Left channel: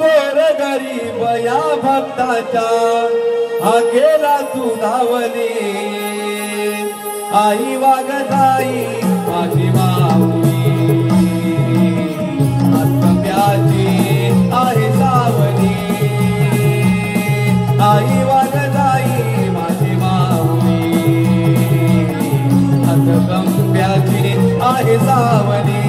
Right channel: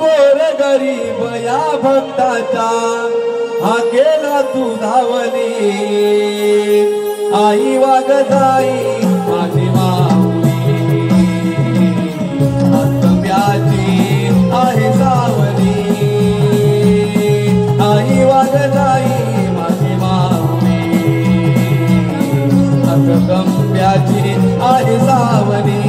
गोर गरीब या भक्ताच्या हा केला तू धावली आई वाग जाई माझी माऊली आत्म्याची आहे सावली आई वाग जाई माझी माऊली आत्म्याची आहे सावली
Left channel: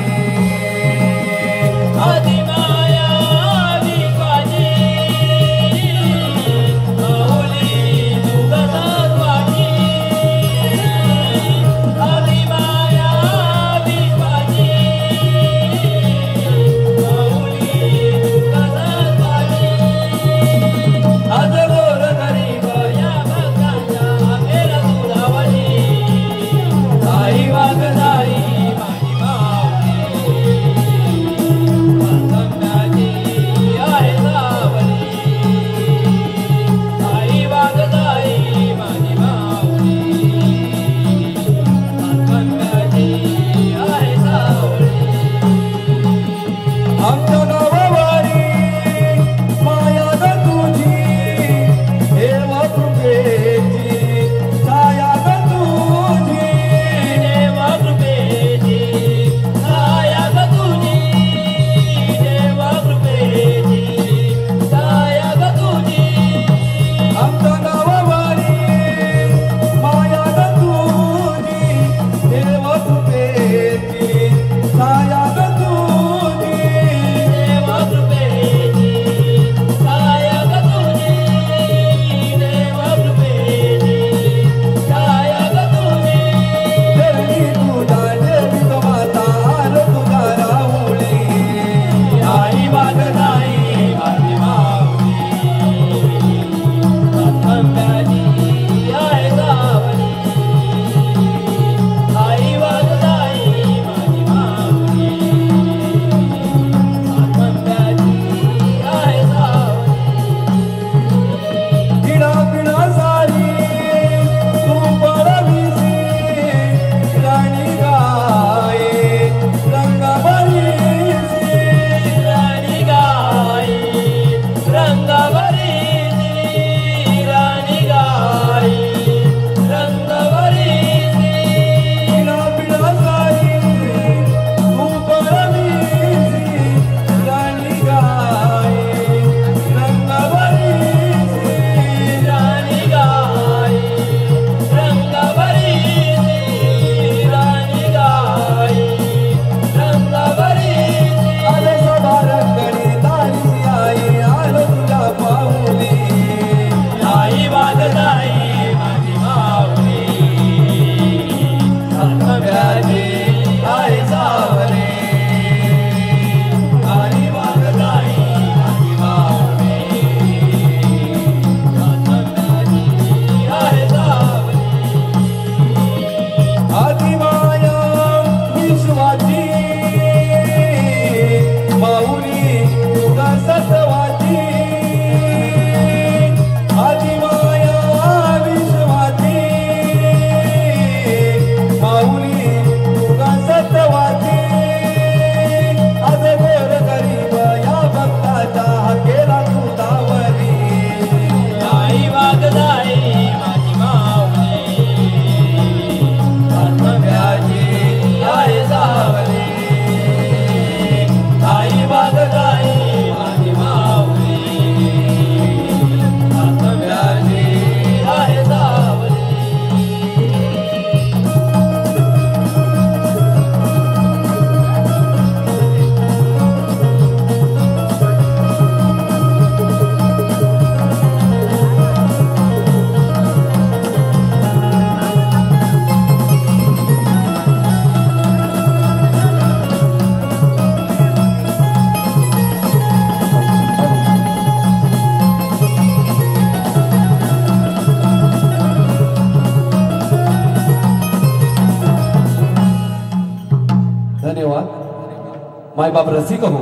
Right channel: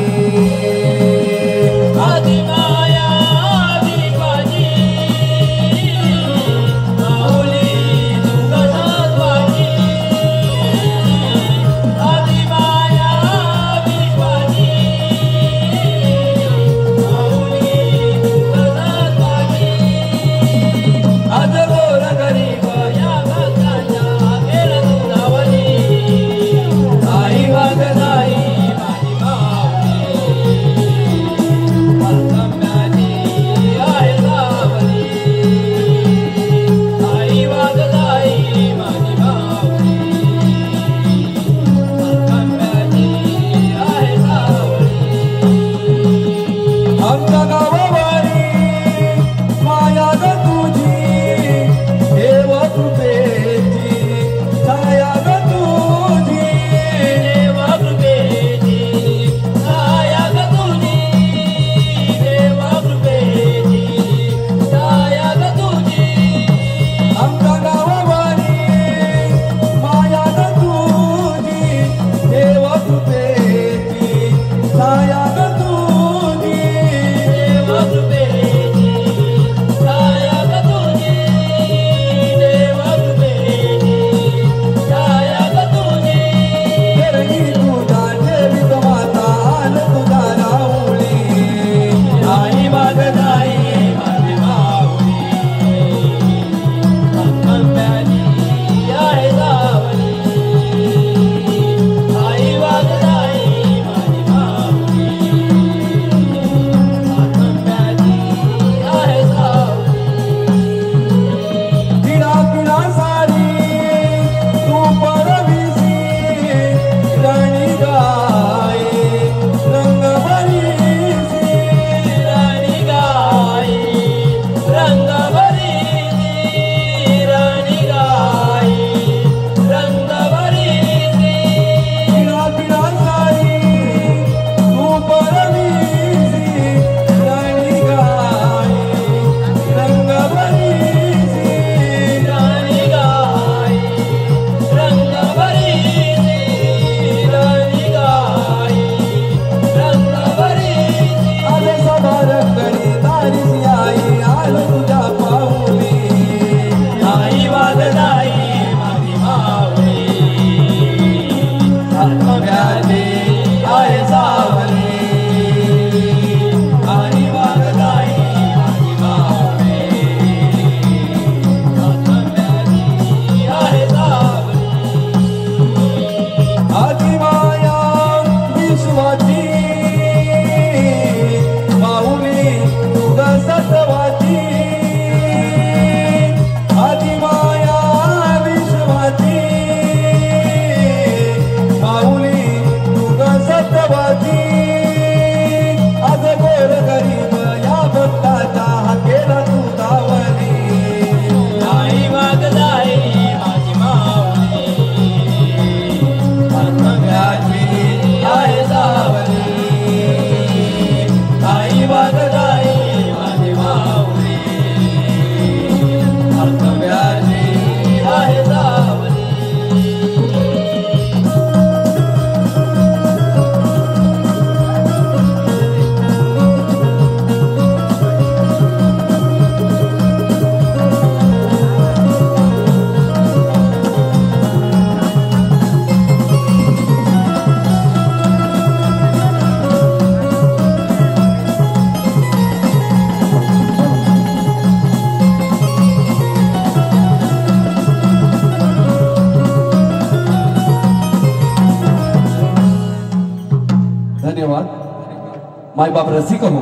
मायबाप रसिक हो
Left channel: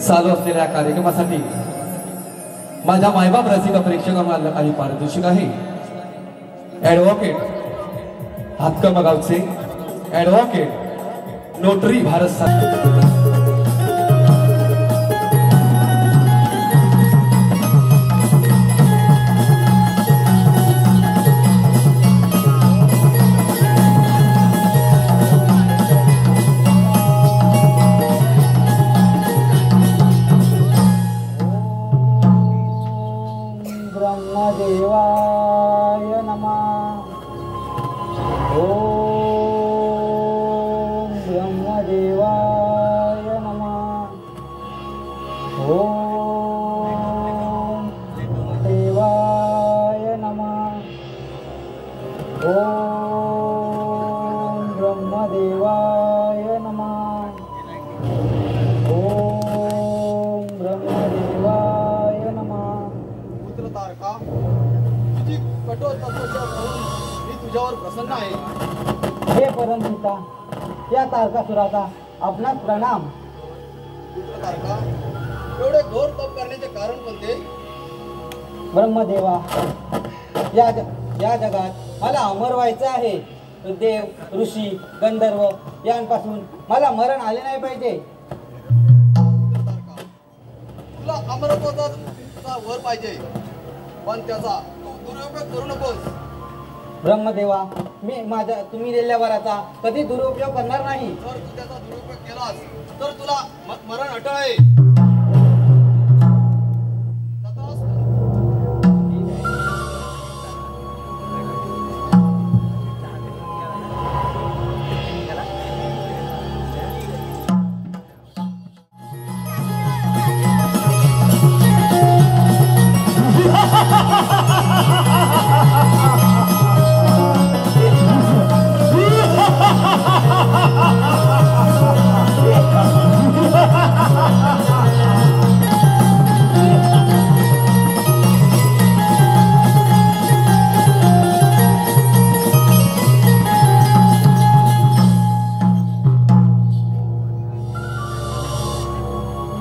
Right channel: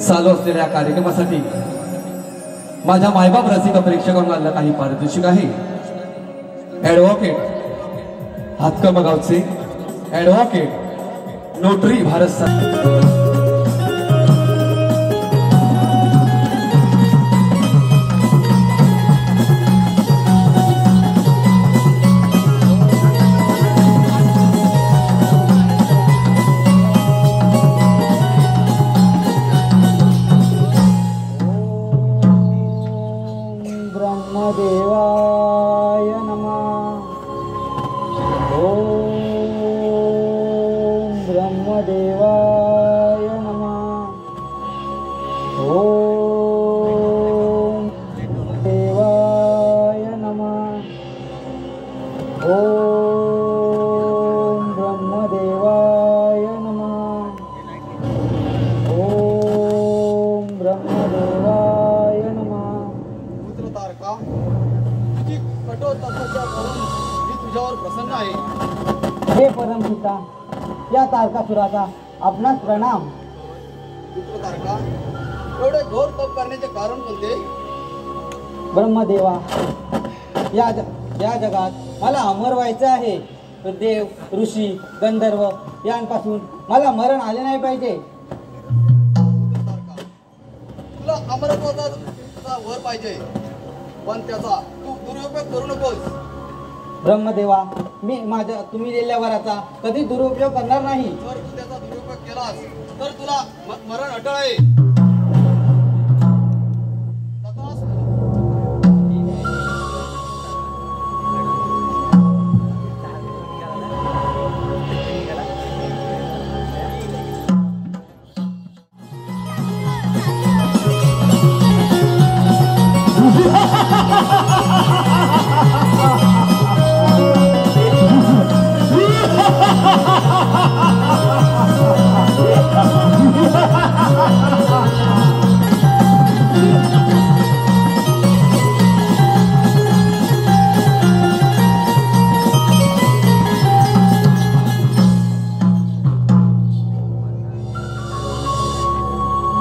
चालू असलेल्या कार्यक्रमासाठी माझ्या मायबाप रसिक प्रेक्षकांना काही पारितोषिक आहे। ॲडव्होकेट हातकमगावचे ॲडव्होकेट नोटरी भारत ओम देवाय नमः. ओम ब्रह्मदेवाय नमः. ओम ब्रह्मदेवाय नमः. पुत्र तारका, तुझी कठोर तपस्या पाहून मी तुझ्यावर प्रसन्न आहे. हे परमपिता, या तारकासुराचा आपणास प्रणाम. पुत्र तारका, एवढे घोर तप करण्याचे कारण कोणते? ब्रह्मदेवा, या जगात मला अमर व्हायचं आहे. देव, ऋषी, गंधर्व यांपासून मला मरण आले नाही पाहिजे. पुत्र तारका, तुला अमरत्वाचा वर पाहिजे, पण त्याचा तू दुरुपयोग करू नकोस. ब्रह्मदेवा, तुम्ही दिलेल्या वराचा कधी दुरुपयोग करणार नाही. जर तू त्याचा दुरुपयोग केलास तर तुला मरण अटळ आहे. तथास्तु.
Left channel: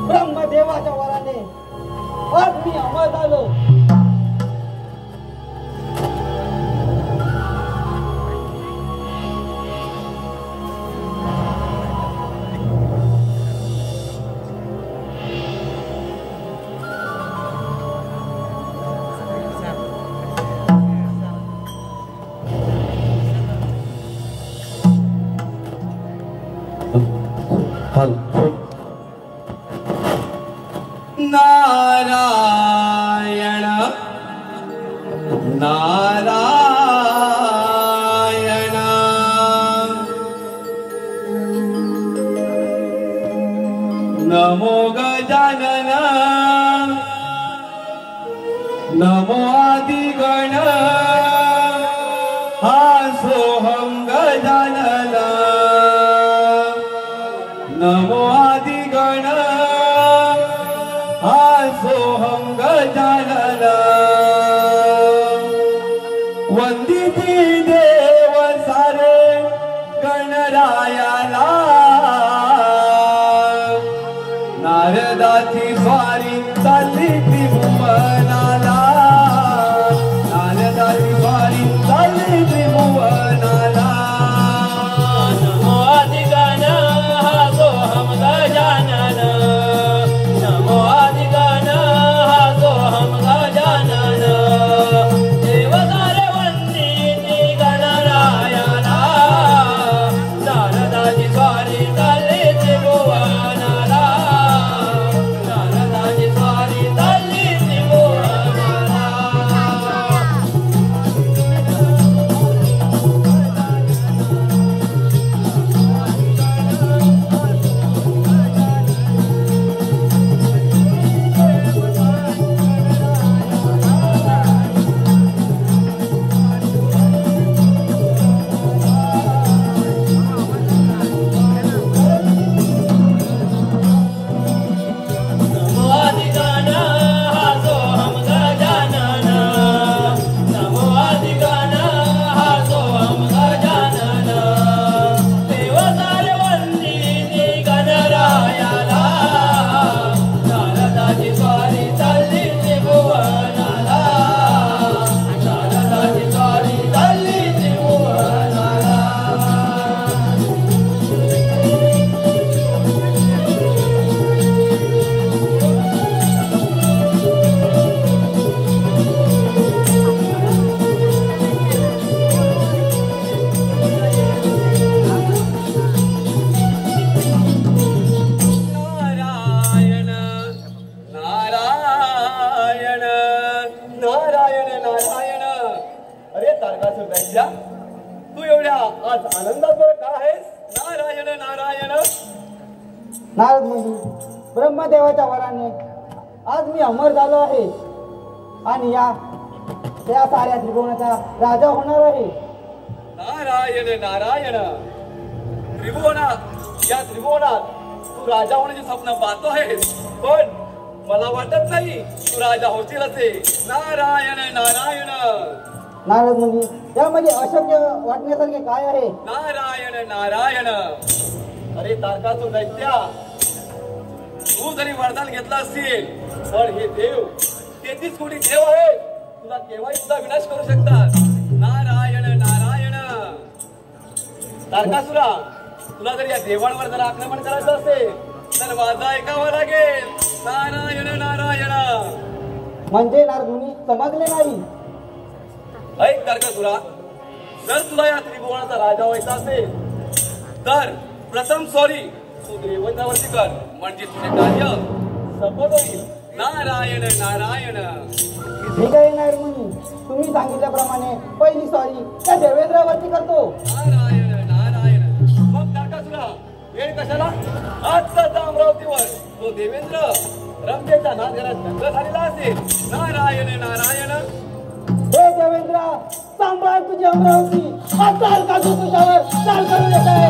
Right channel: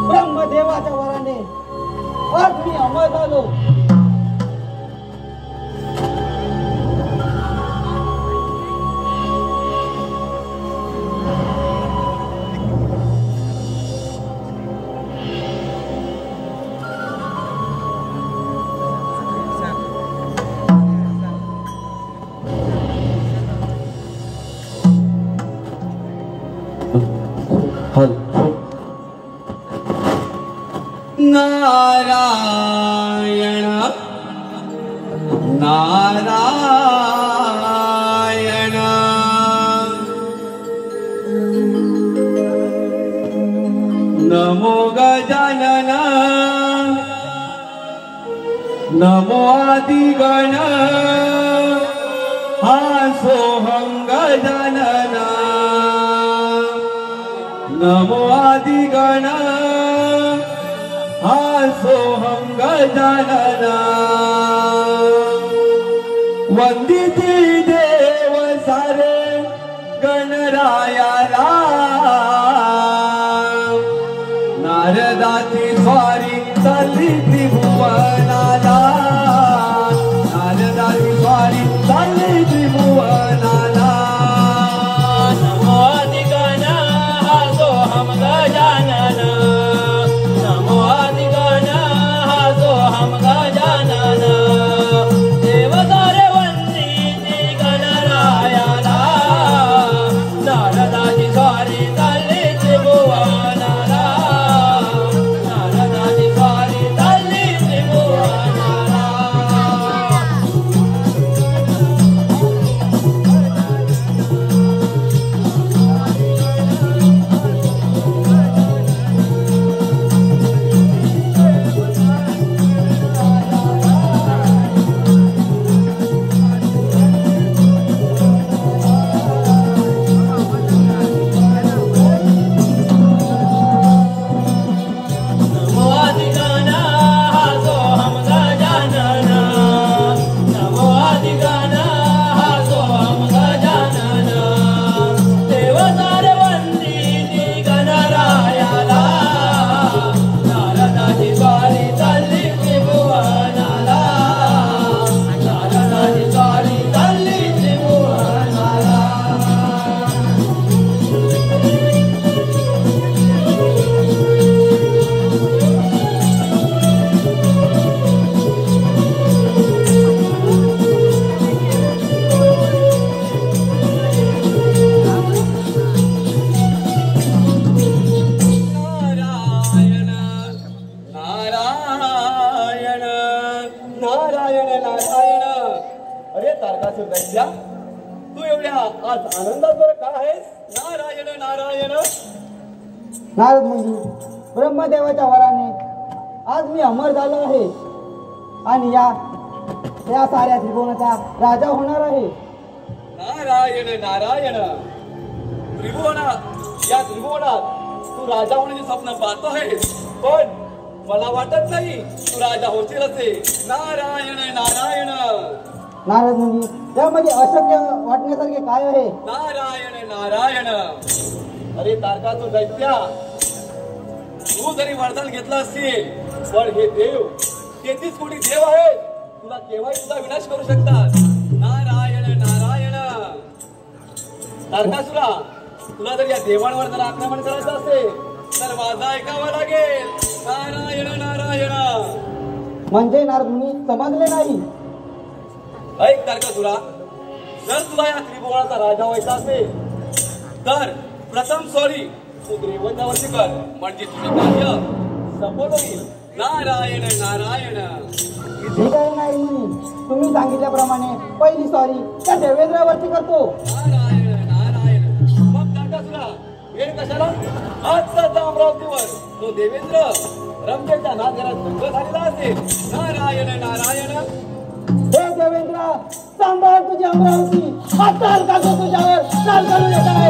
ब्रह्मदेवाच्या वराने आज मी अमर झालो. नारायण नारायण नमो गजानन नमो आदिगण हा सोहम गजानन नमो आदिगण सोहम गजानन वंदिती देव सारे गणरायाला नारदाची स्वारी चालली त्रिभुवनाला नारदाची स्वारी चालली त्रिभुवनाला नमो आदिगण हा सोहम गजानन नमो आदिगण हा सोहम गजानन देव सारे वंदिती गणरायाला नारदाची स्वारी चालली त्रिभुवनाला नारदाची स्वारी चालली त्रिभुवनाला. नमो आदिगण हा सोहम गजानन नमो आदिगण हा सोहम गजानन देव सारे वंदिती गणरायाला नारदाची स्वारी चालली त्रिभुवनाला नारदाची स्वारी चालली त्रिभुवनाला. नारायण नारायण नारायण नारायण. अरे तारकासुर दैत्या, तू एवढ्या आज आनंदात बरं का आहेस? नारायण नारायण. नारद मुनी, ब्रह्मदेवाच्या वराने आज मी अमर झालो आहे आणि त्या साऱ्या त्रिभुवनाचा राजा होणार आहे. नारायण नारायण. या त्रिभुवनात तू राजा होण्याचे स्वप्न पाहतो आहेस, पण मला वाटत नाही तू राजा होशील असे. नारायण नारायण. नारद मुनी, त्यामध्ये अशक्य वाटण्यासारखे काय आहे? नारायण नारायण. अरे तारकासुर दैत्या, तू जरी वरदान घेतलं असतील, पण हे देव 33 कोटी देव आहे, तुला केव्हाही तुझा विनाश करू शकतात. नारायण नारायण. तारकासुरा, तुला जर या देवांवर जर आक्रमण करायचं असेल तर माझं ऐकावं लागेल. नारायण नारायण. म्हणजे नारद मुनी समजले नाही. ऐक तारकासुरा, जर तुला या त्रिभुवनाचा राजा व्हायचा असेल तर प्रथम सॉरी तू देवतावरती कर, म्हणजे तुझे कार्य सफल होईल. नारायण नारायण. ठीक आहे नारद मुनी, तुम्ही सांगितल्याप्रमाणे पहिली सॉरी त्या देवेंद्रावरती करतो. नारायण नारायण. मग तारकासुरा, वेळ कशाला? आजचा अमरावतीवर तो देवेंद्र रंभेच्या नागरात दंग झालेला असेल. नारायण नारायण. हे देवेंद्र, सांभाळ तुझी अमरावती. आता तारकासुर तुझ्यावर चाल करून येत आहे.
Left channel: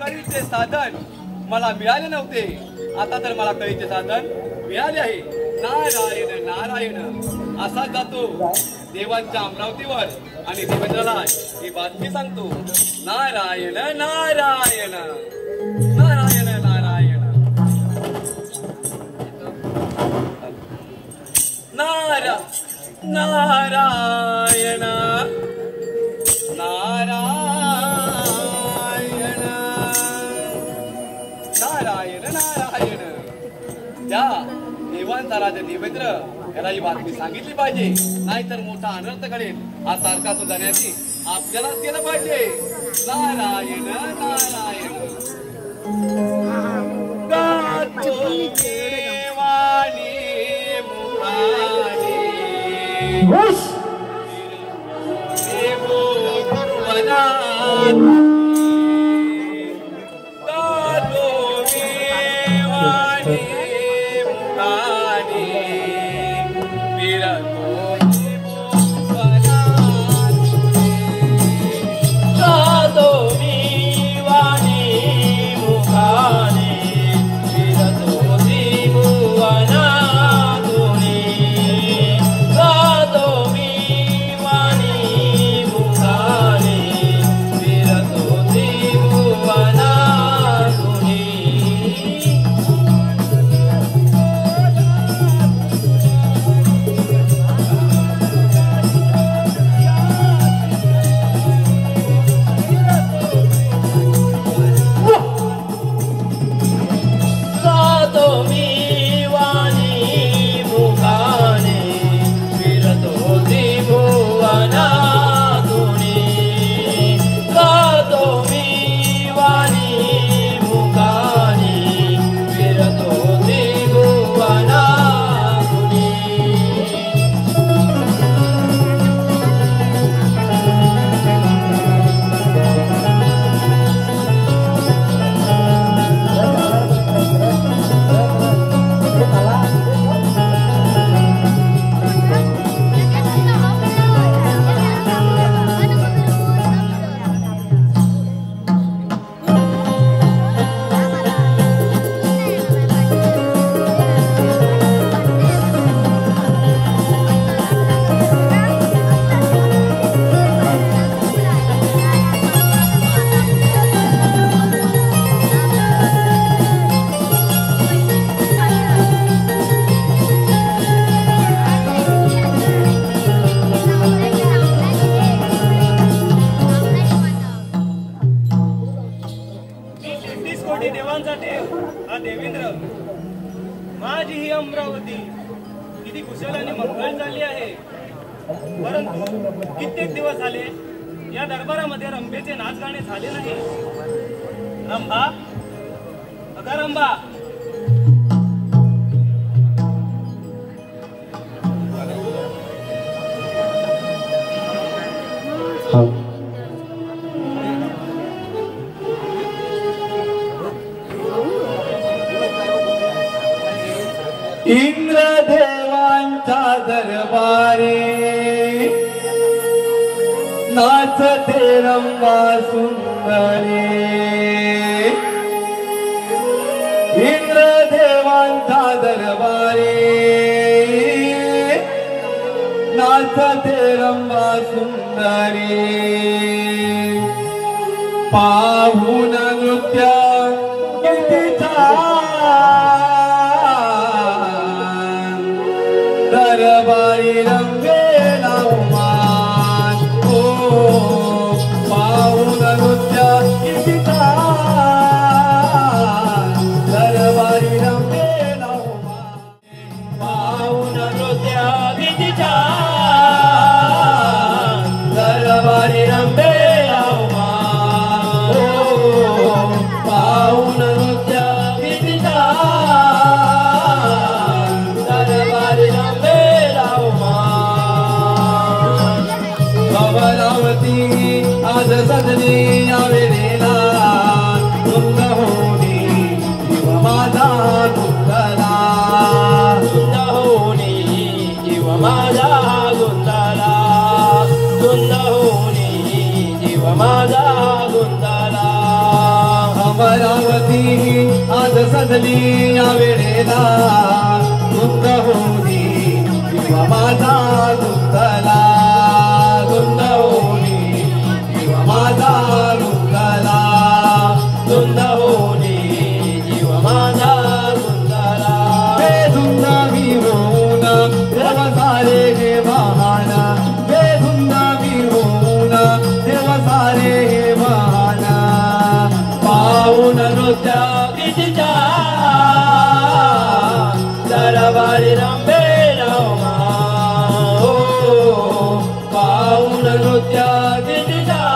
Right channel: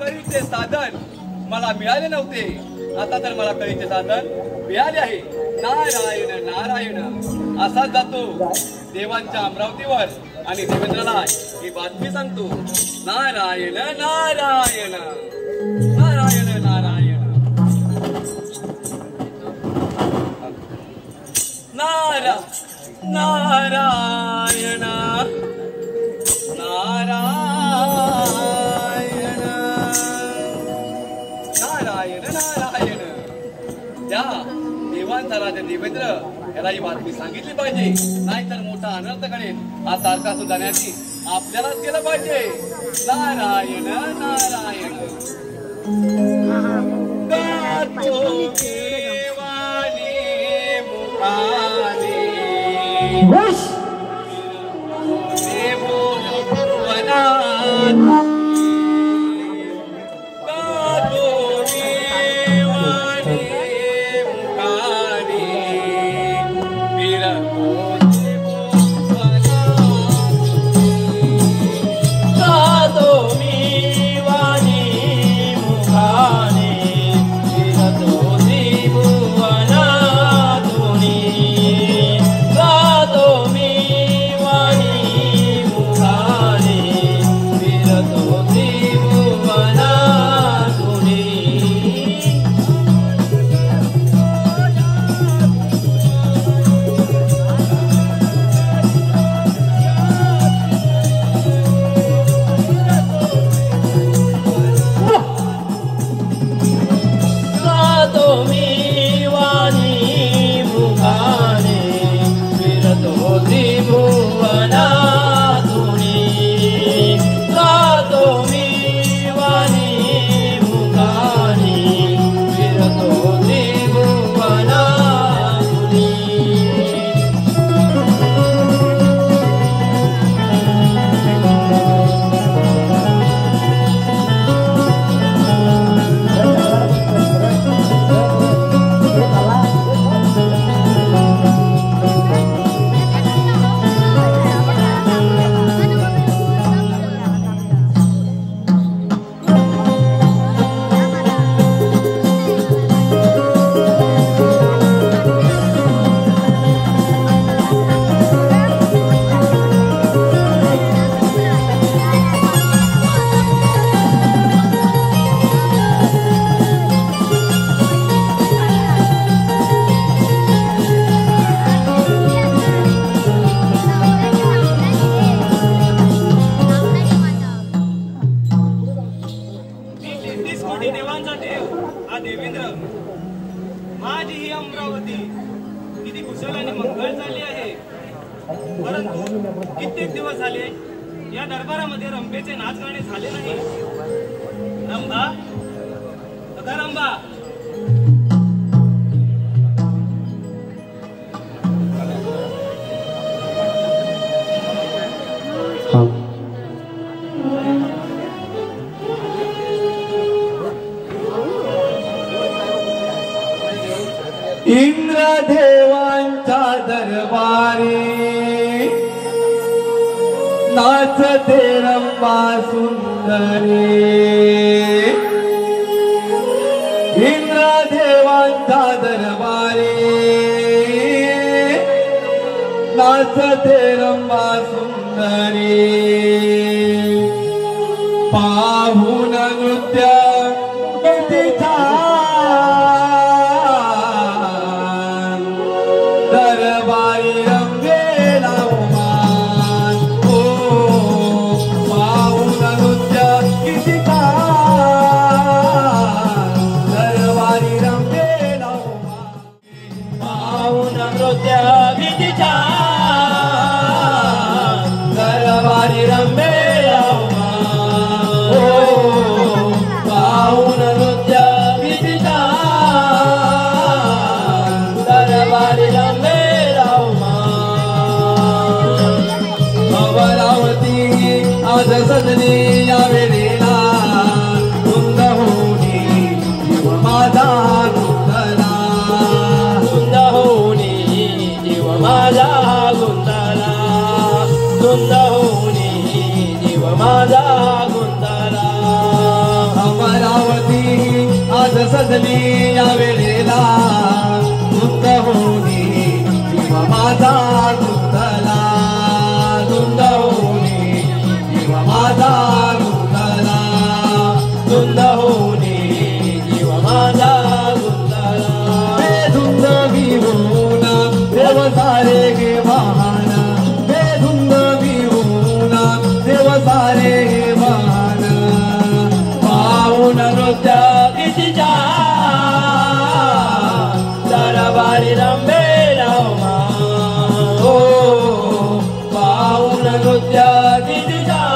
कळीचे साधन मला मिळाले नव्हते, आता तर मला कळीचे साधन मिळाले आहे. नारायण नारायण. असाच जातो देवांच्या अमरावतीवर आणि देवेंद्राला ही बातमी सांगतो. नारायण नारायण. नारायण नारायण. नारायण नारायण. नारायण नारायण. त्या देवांचा राजा देवेंद्र याला ही बातमी सांगितली पाहिजे, नाहीतर मोठा अनर्थ घडेल. हा तारकासुर जाण्याची आपल्यालाच केलं पाहिजे. नारायण नारायण. गातो देवानी मुखाने देवो वनाने. माझी ही अमरावती किती कुशल आणि मंगळ झाली आहे, परंतु कित्येक दिवस झाले या दरबारामध्ये रंभेचे नाच गाणे झाले नाही. रंभा, अगं रंभा, इंद्रदेवांच्या दरबारी नाचते रंभा सुंदरी. इंद्रदेवांच्या दरबारी नाचते रंभा सुंदरी. पाहून नृत्य दरबारी रंगेला उमान. ओ पाहून नृत्य किती छान, दरबारी रंगेला उमान. पाहून नृत्य किती छान, दरबारी रंगेला उमान. ओ पाहून नृत्य किती छान, दरबारी आज सजने या वेळेला तुंग होणे जीव माझा गुंतला. तुंग होणे जीव माझा गुंतला. तुंग होणे जीव माझा गुंतला. अमरावती आज सजली या वेळेला तुंग होणे जीव माझा गुंतला. तुंग होणे माझा गुंतला. तुंग होणे जीव माझा गुंतला. बेधुंद विहोन देव सारे गे वाहन. बेधुंद विहोन देव सारे गे वाहन. पाहून नृत्य किती छान, दरबारी रंभेला उमान. हो पाहून नृत्य किती छान,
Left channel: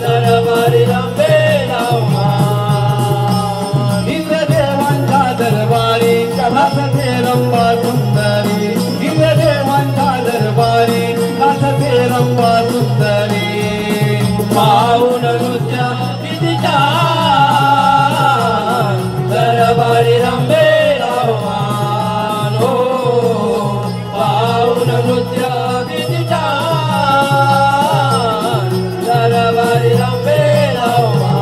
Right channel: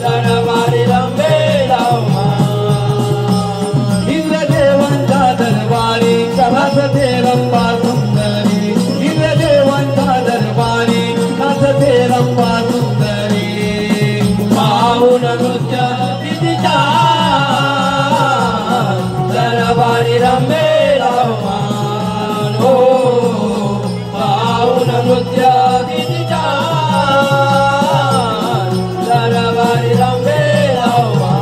दरबारी रंभेला उमान. इंद्रदेवांच्या दरबारी नाचते रंभा सुंदरी. इंद्रदेवांच्या दरबारी नाचते रंभा सुंदरी. पाहून नृत्य किती छान, दरबारी रंभेला उमान. हो पाहून नृत्य किती छान, दरबारी रंभेला उमान.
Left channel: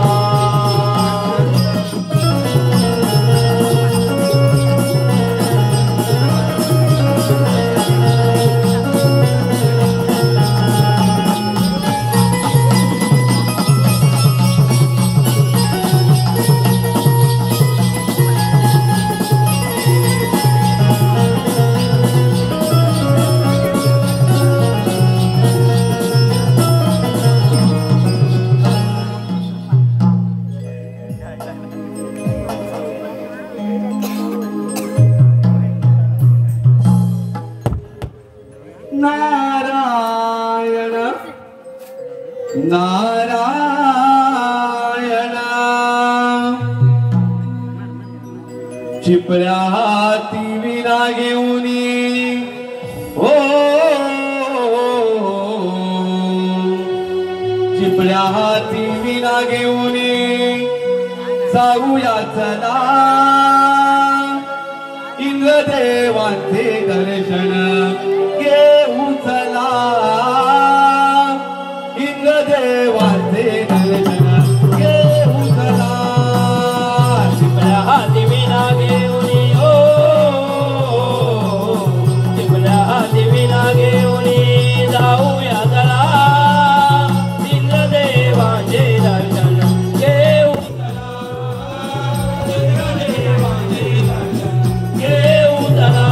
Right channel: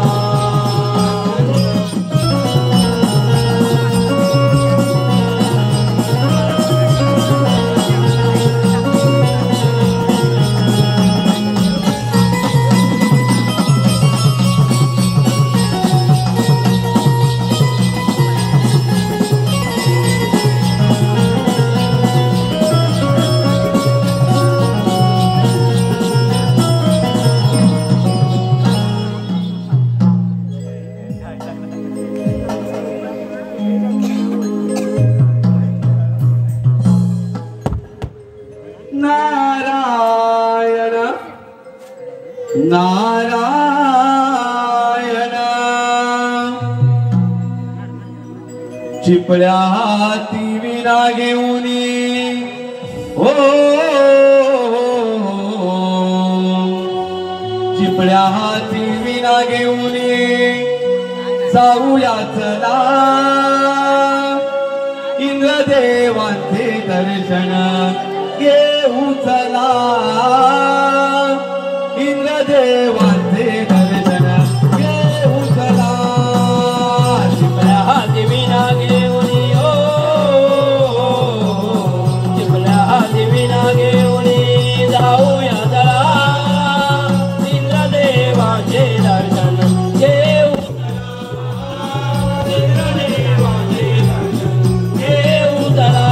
नारायण नारायण. चिपळ्या हाती विना घेऊनी हो चिपळ्या हाती विना घेऊनी जाऊया चला इंद्रदेवांचे दर्शन घेऊ चला. इंद्रदेवांचे दर्शन घेऊ चला. चिपळ्या हाती विना घेऊनी ओ, चिपळ्या हाती विना घेऊनी जाऊया चला इंद्रदेवांचे दर्शन घेऊ चला. इंद्रदेवांचे दर्शन घेऊ चला.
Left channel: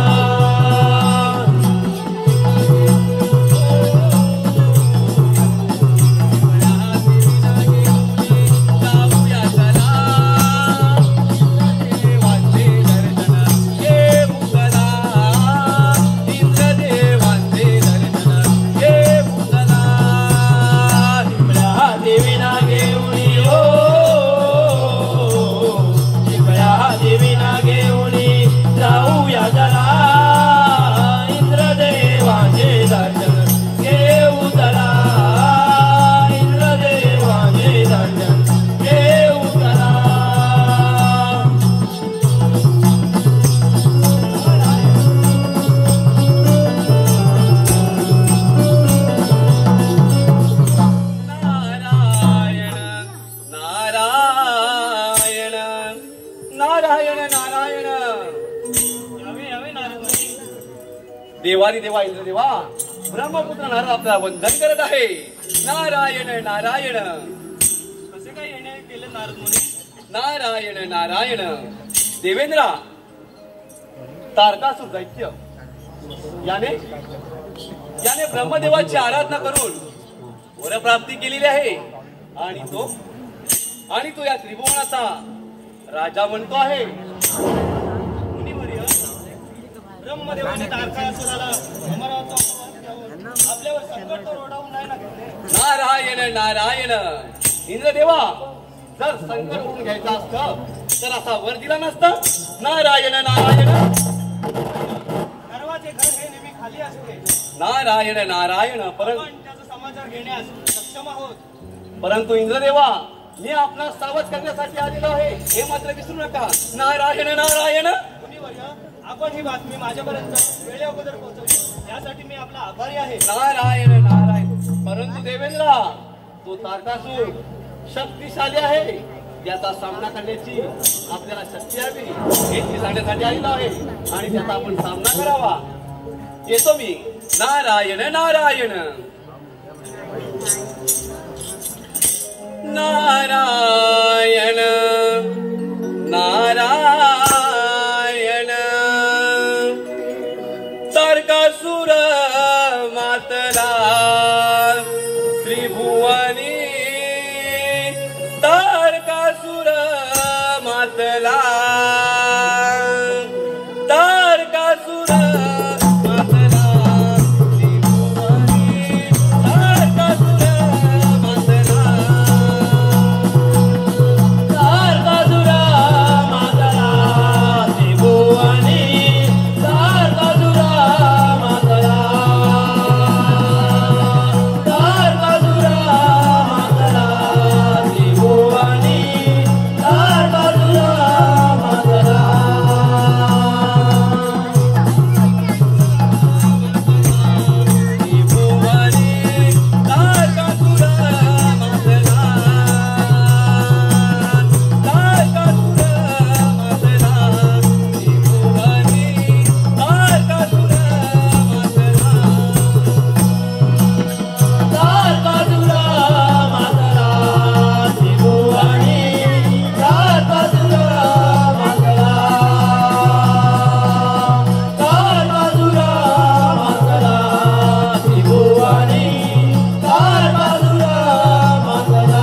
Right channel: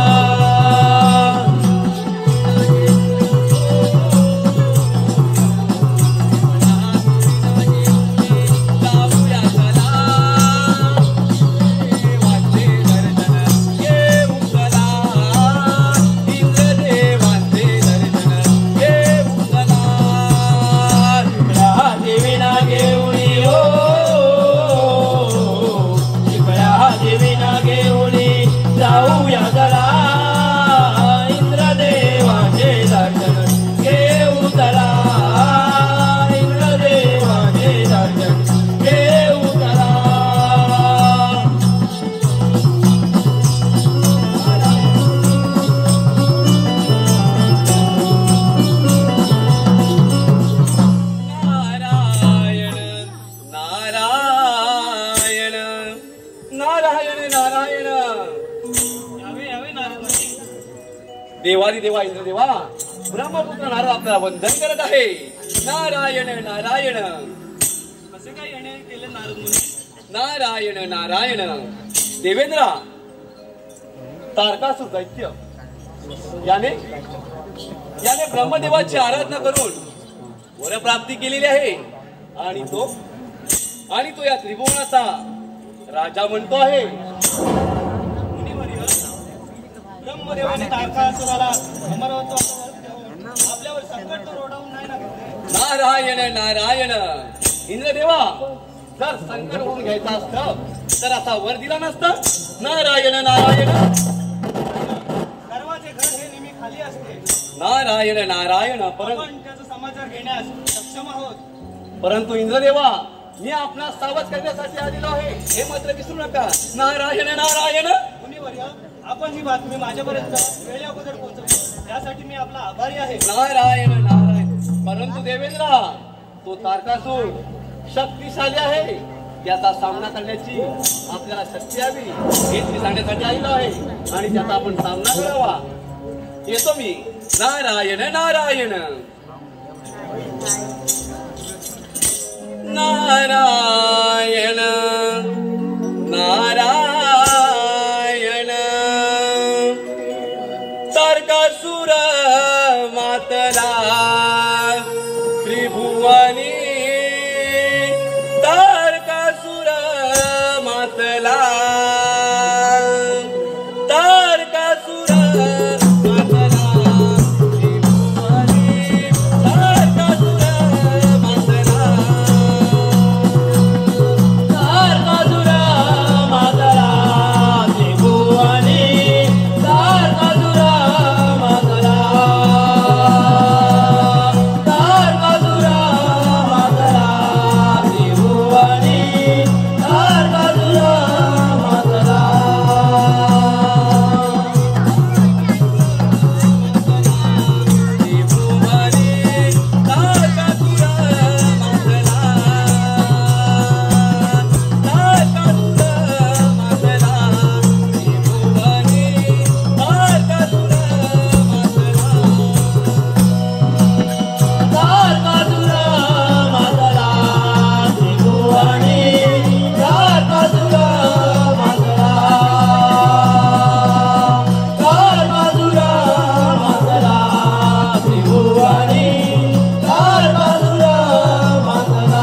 आणि देवा इंद्रदेवा ब्रह्मपुत्र नारद आपल्याला वंदन करत आहे. नारायण नारायण. कसे काय येणे केले नारद मुनी? नारायण नारायण. देवेंद्रा, तारकासुर दैत्य याने ब्रह्मदेवाची आराधना करून वरप्राप्ती केलेली आहे आणि तो या त्रिभुवनाचा राजा म्हणतो आहे. मुनिवर्य, ब्रह्मदेवाने तारकासुराला अमरत्वाचा वर देऊन आपल्यावर संकट तर ओढावून नाही ना घेतले? नारायण नारायण. इंद्रदेवा, जर संकट ओढून घ्यायचं असतं तर असा वर दिला नसता. नारायण नारायण. गर्वाचे घर हे नेहमी खाली असते. नारायण नारायण. आपण त्याचा समाचार घेण्यास सक्षम आहोत. परंतु इंद्रदेवा, मी आपणास सावध करण्यासाठी आलेलो आहे, हे मात्र विसरू नका. नारायण नारायण. मुनिवर्य, आपण ही बातमी माझ्यापर्यंत वेळे अगोदर पोहोचवली त्यासाठी मी आपला आभारी आहे. नारायण नारायण. परंतु देवेंद्रा, तो तारकासूर शक्तिशाली आहे. त्याचा सामना करण्याची आपल्याला शक्ती हवी हे मी सांगण्यासाठी आलेलो आहे आणि त्याचा आपण सामना करावा. येतो मी. नारायण नारायण. नारायण नारायण. तारकासुर मातला त्रिभुवनी. तारकासुर मातला. तारकासुर मातला त्रिभुवनी. तारकासुर मातला. तारकासुर मातला त्रिभुवनी. तारकासुर मातला. तारकासुर मातला त्रिभुवनी. तारकासुर मातला.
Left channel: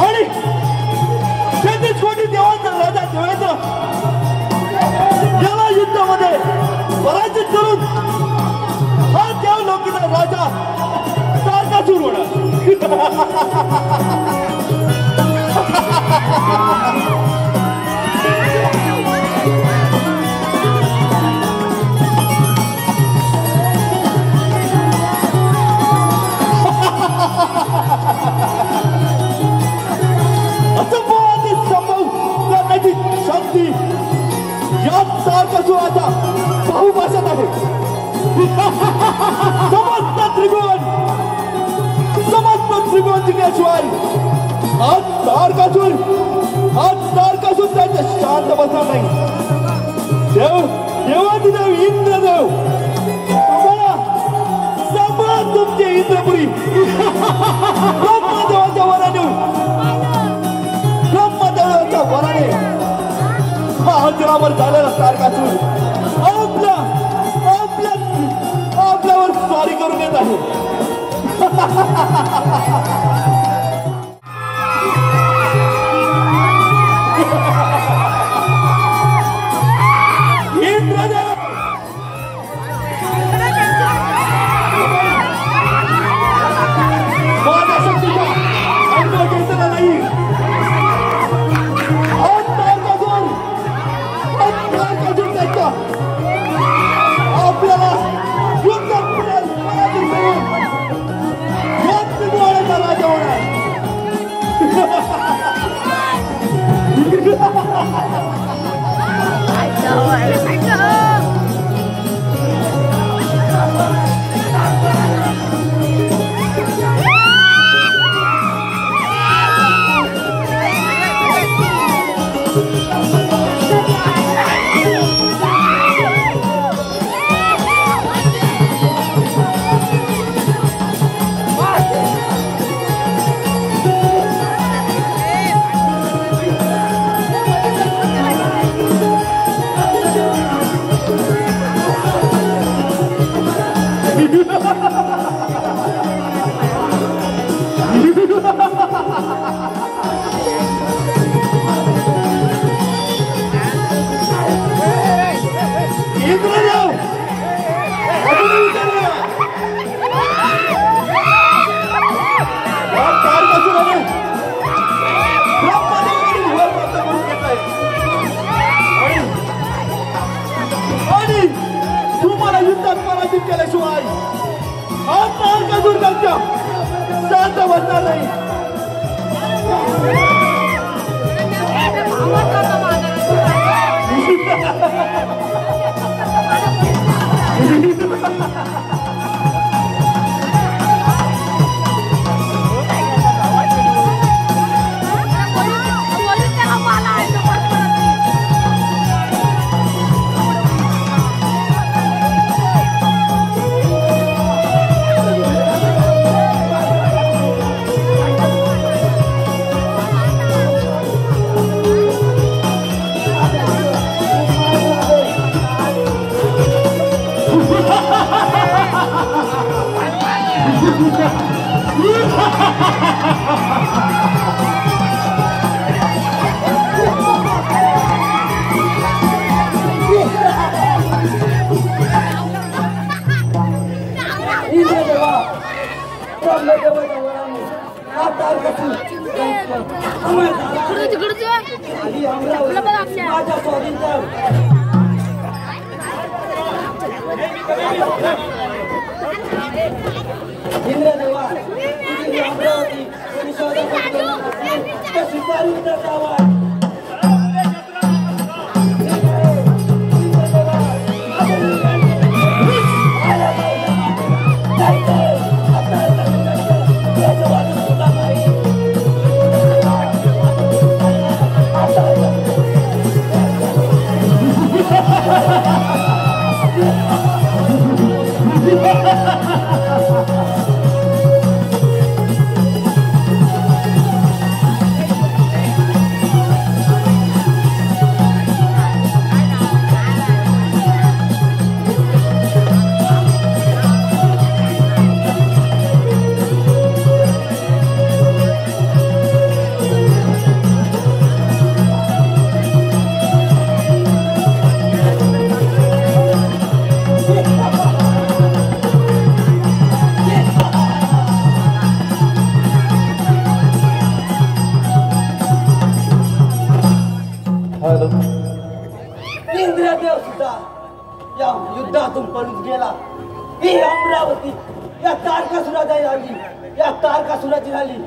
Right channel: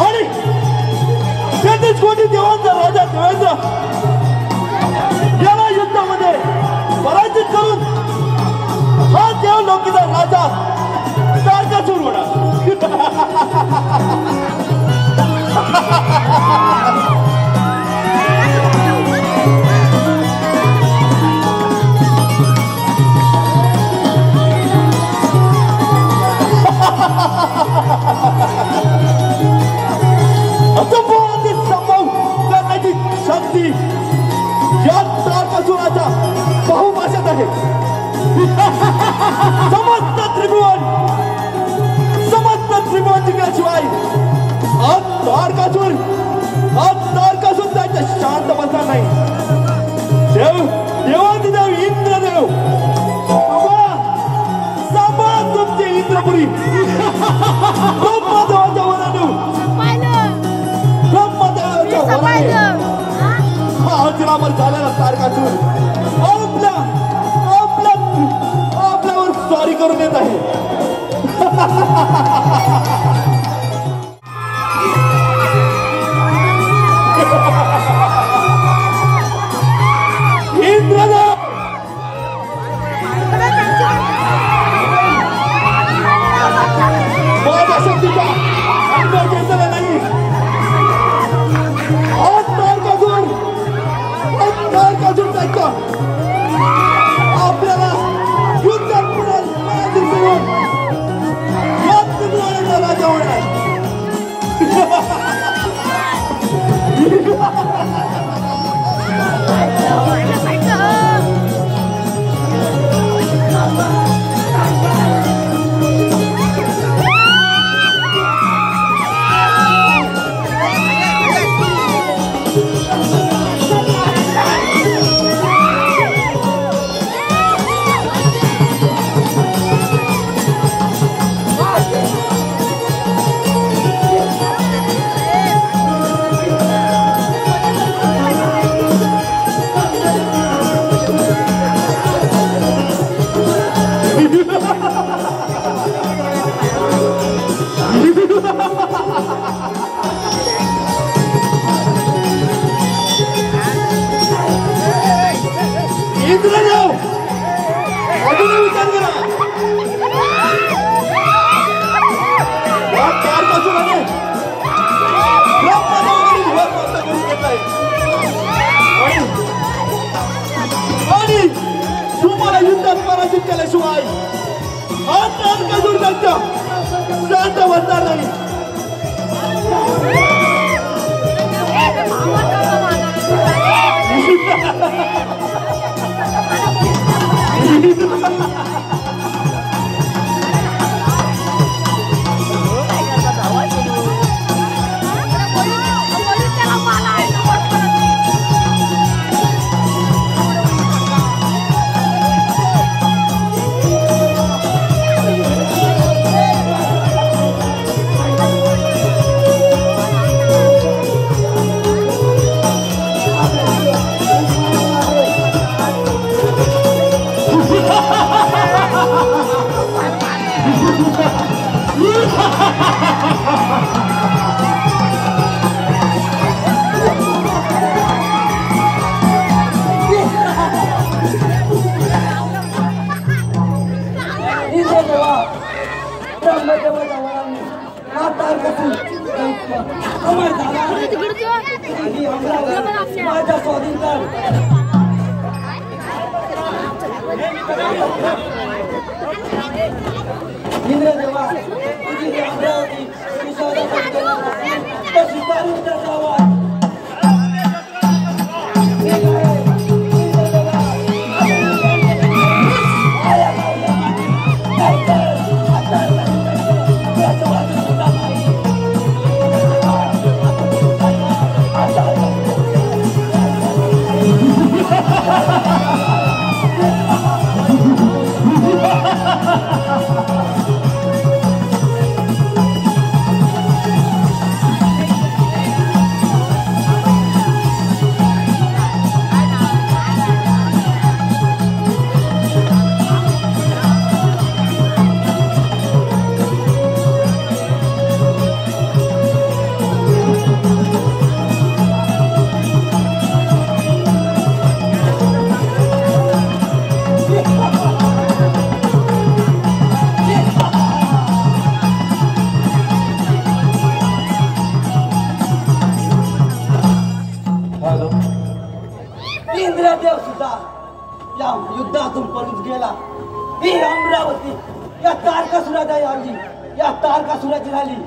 आणि तेथेच कोणी देवांचा राजा ठेवायचा याला युद्धामध्ये पराजित करून हा देवलोकीचा राजा तारकासूर होणार. शक्ती या तारकासुराचा बहुभाषेत आहे. समस्त त्रिभुवन जिंकल्याशिवाय हा तारकासूर त्याच्या शांत बसणार नाही. देवादिदेव इंद्रदेव सांभाळा तुमचे इंद्रपुरी. ब्रह्मदेवाच्या वराने महातीरावर झालेला तारकासूर आपल्यावर स्वारी करून देत आहे. इंद्रदेव अजून विचार करा आणि तुम्हाला युद्धात पराजित केल्याशिवाय हा तारकासूर त्यांच्या शांत बसणार नाही. इंद्रदेव सुद्धा या युद्धातून पळून गेला. ही अमरावती या तारकासुराची आली, या तारकासुराची झाली.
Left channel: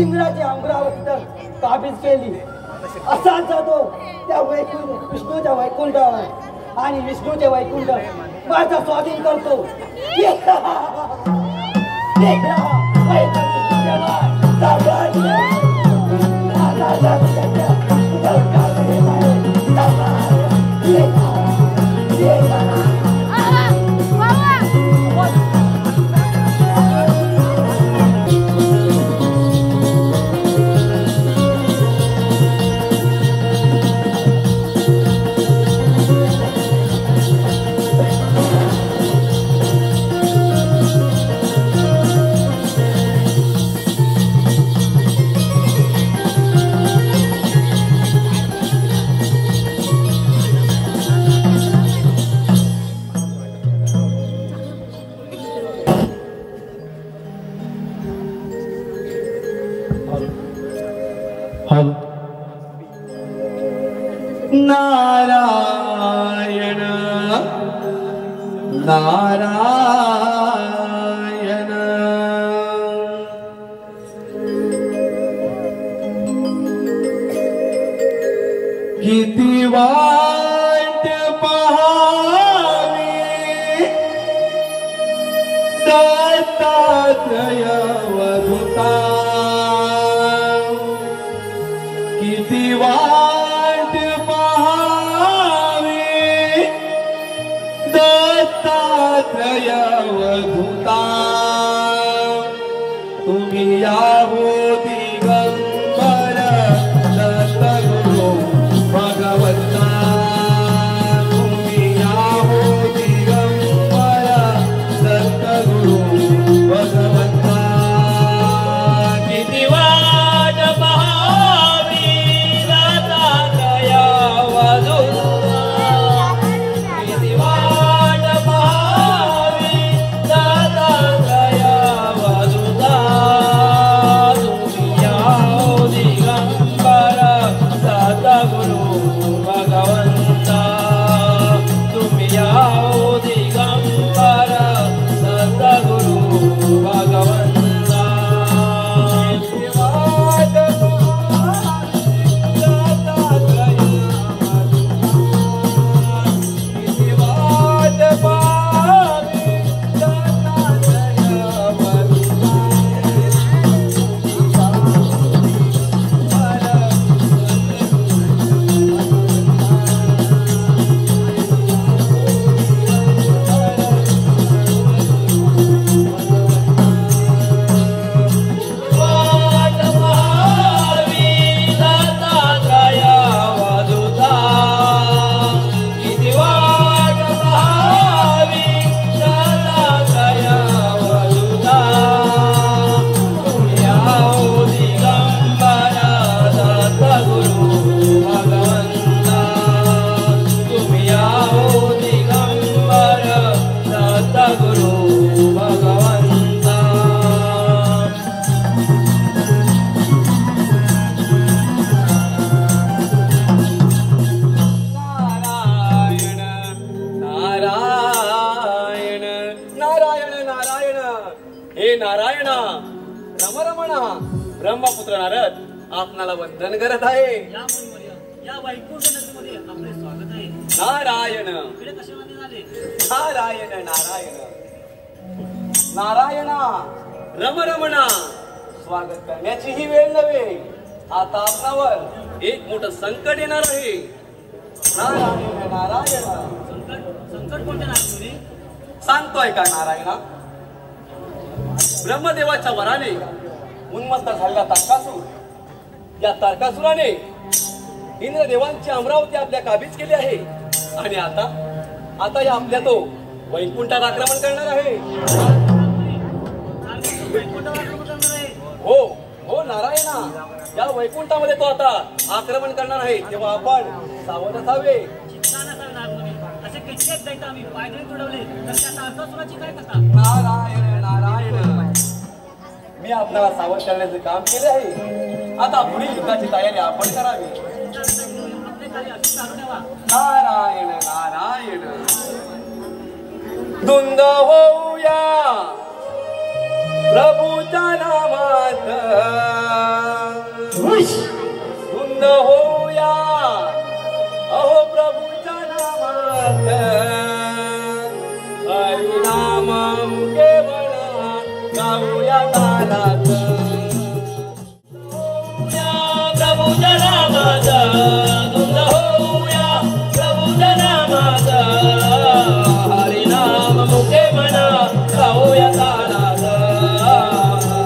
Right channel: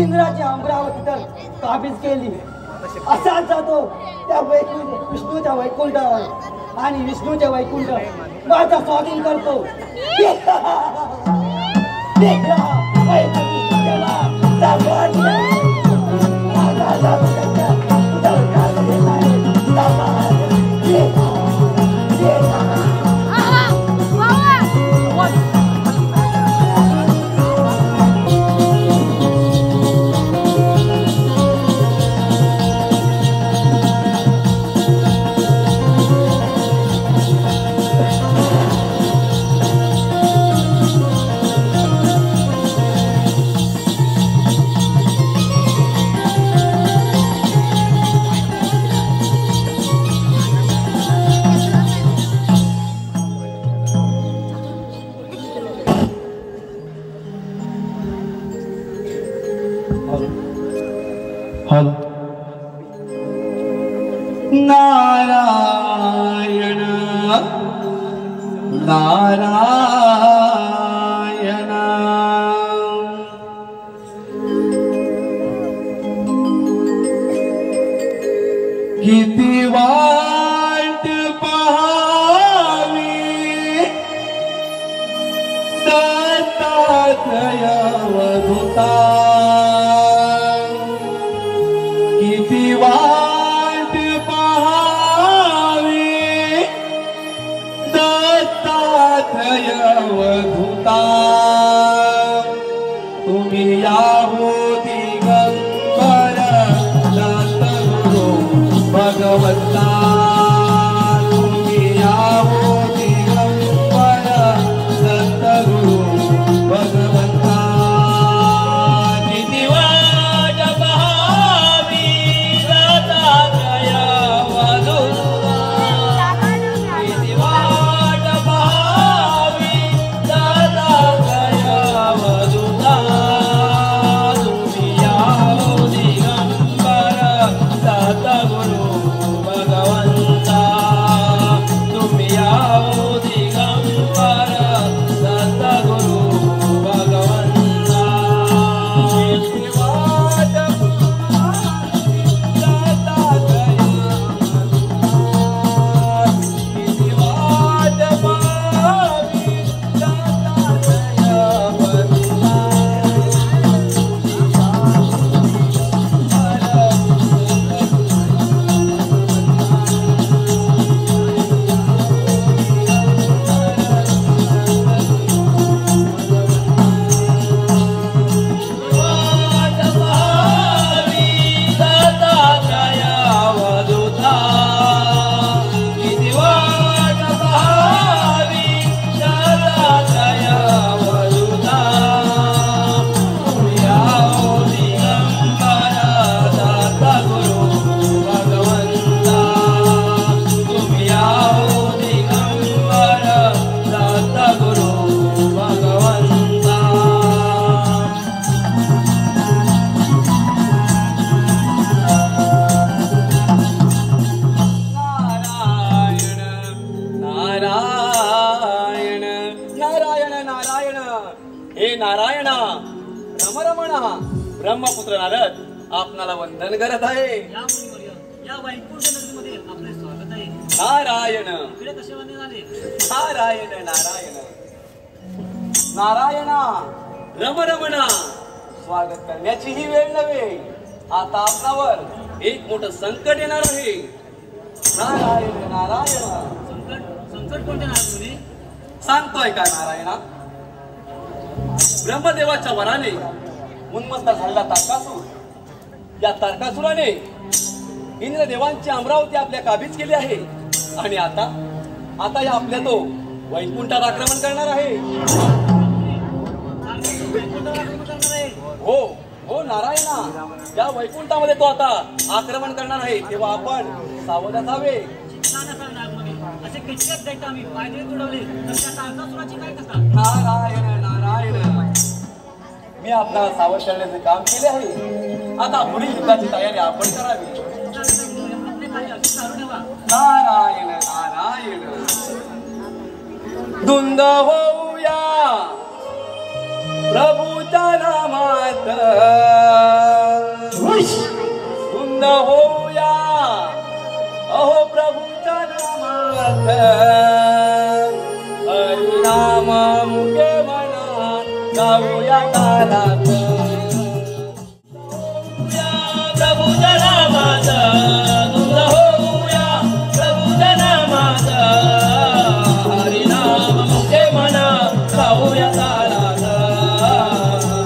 इंद्राची अमरावती तर काबीज केली. असाच जातो त्या विष्णूच्या वैकुंठावर आणि विष्णूचे वैकुंठ माझा स्वाधीन करतो. नारायण नारायण किती वाट पहावी दत्तात्रय अवधूता ब्रह्मपुत्र नारद आपणाला वंदन करत आहे. या मुनिवर्य, या वैकुंठ नगरीमध्ये आपले स्वागत आहे. नारायण इकडे कसे वंदन झाले? नारायण नारायण नारायणा रमरमणा. स्वागत करण्याची ही वेळ नव्हे, आता आपल्यावर एक मोठं संकट येणार आहे. नारायण नारायण. संकट कोणते नाही मुनी? सांगतोय का नारायणा? ब्रह्मदेवाच्या वराने उन्मत्त झालेला तारकासूर, या तारकासुराने इंद्रदेवांची अमरावती आपल्या काबीज केली आहे आणि आता या आपल्या तो वैकुंठात आक्रमण करणार आहे. वैकुंठावर आक्रमण करणार आहे? हो हो नारायणा, या वैकुंठामध्ये तो आता आक्रमण करणार आहे. तेव्हा आपण सावध असावे. शिक्षण असेल ना मुनी, असे कित्येक दैत्य आम्ही पायदळी तुडवले, तर त्या तारकासुराची काय कथा? नारायण नारायण, मी आपल्याला सावध करण्याचे काम केले आहे. आता पुढील युद्धाची तयारी आपण करावी. आपले कार्य असे चालू ठेवा. नारायण नारायण. धुंद होऊया प्रभूच्या नामात, धुंद होऊया अहो प्रभूच्या नामात. हरिनाम मुखे म्हणा गाऊया तालात. प्रभूच्या नामात धुंद होऊया प्रभूच्या नामात. हरिनाम मुखे म्हणा गाऊया तालात.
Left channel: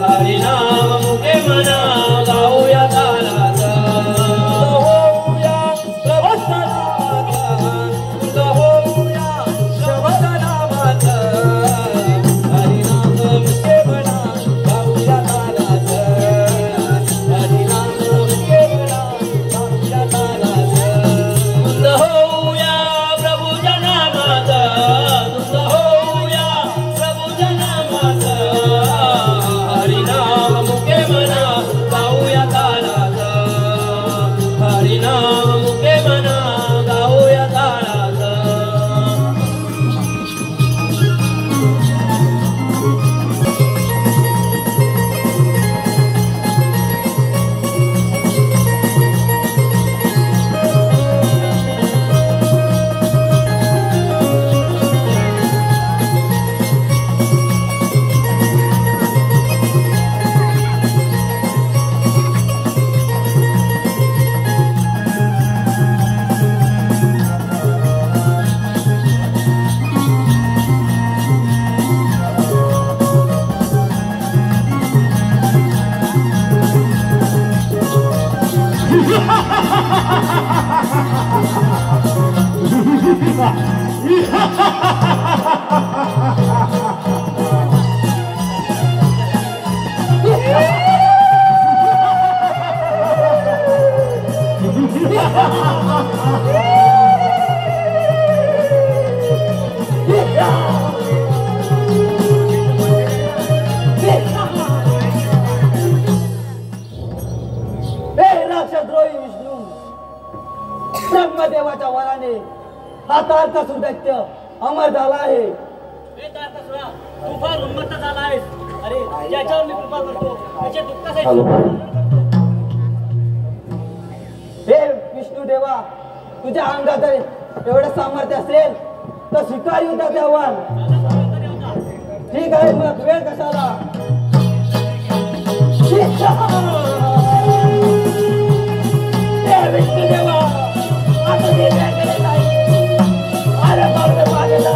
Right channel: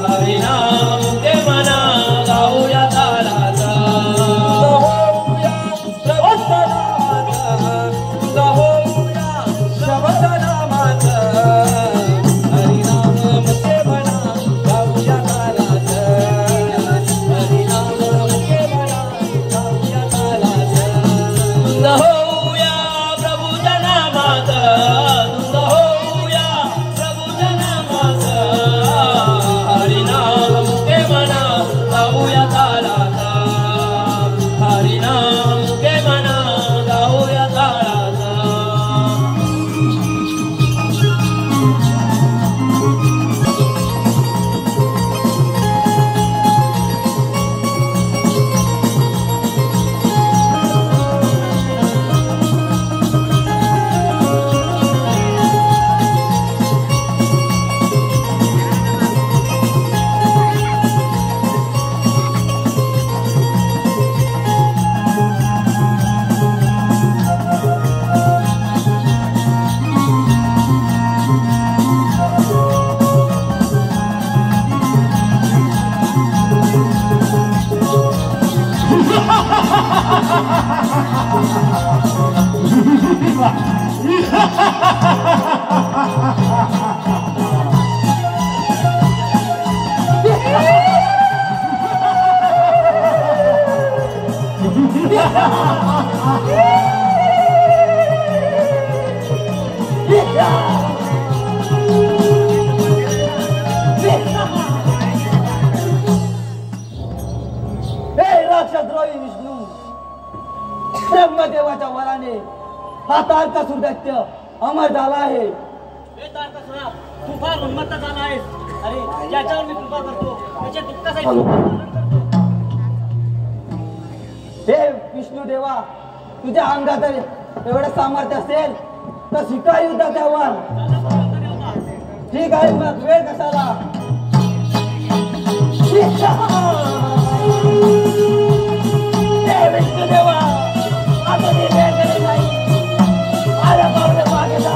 हरिनाम मुखे म्हणा गाऊया तालात. होऊया प्रभूच्या नामात, धुंद होऊया प्रभूच्या नामात. हरिनाम मुखे म्हणा गाऊया तालात. हरिनाम मुखे म्हणा गाऊया तालात. धुंद होऊया प्रभूच्या नामात, धुंद होऊया प्रभूच्या नामात. हरिनाम मुखे म्हणा गाऊया तालात. हरिनाम मुखे म्हणा गाऊया तालात. राक्षसद्रोही विष्णू, ब्रह्मदेवाच्या वराने हा तारकासूर दैत्य अमर झाला आहे. हे तारकासुरा, तू फार उन्मत्त झाला आहेस. अरे ज्याच्यावर मी कृपा करतो त्याचे दुःखासाठी करतो. हे विष्णू देवा, तुझ्या अंगात एवढं सामर्थ्य असेल तर स्वीकार युद्धाचे आव्हान. ठीक आहे, मग वेळ कशाला? विष्णू देवा, आता मी वेळ केली नाही. अरे बाबा मागे जा.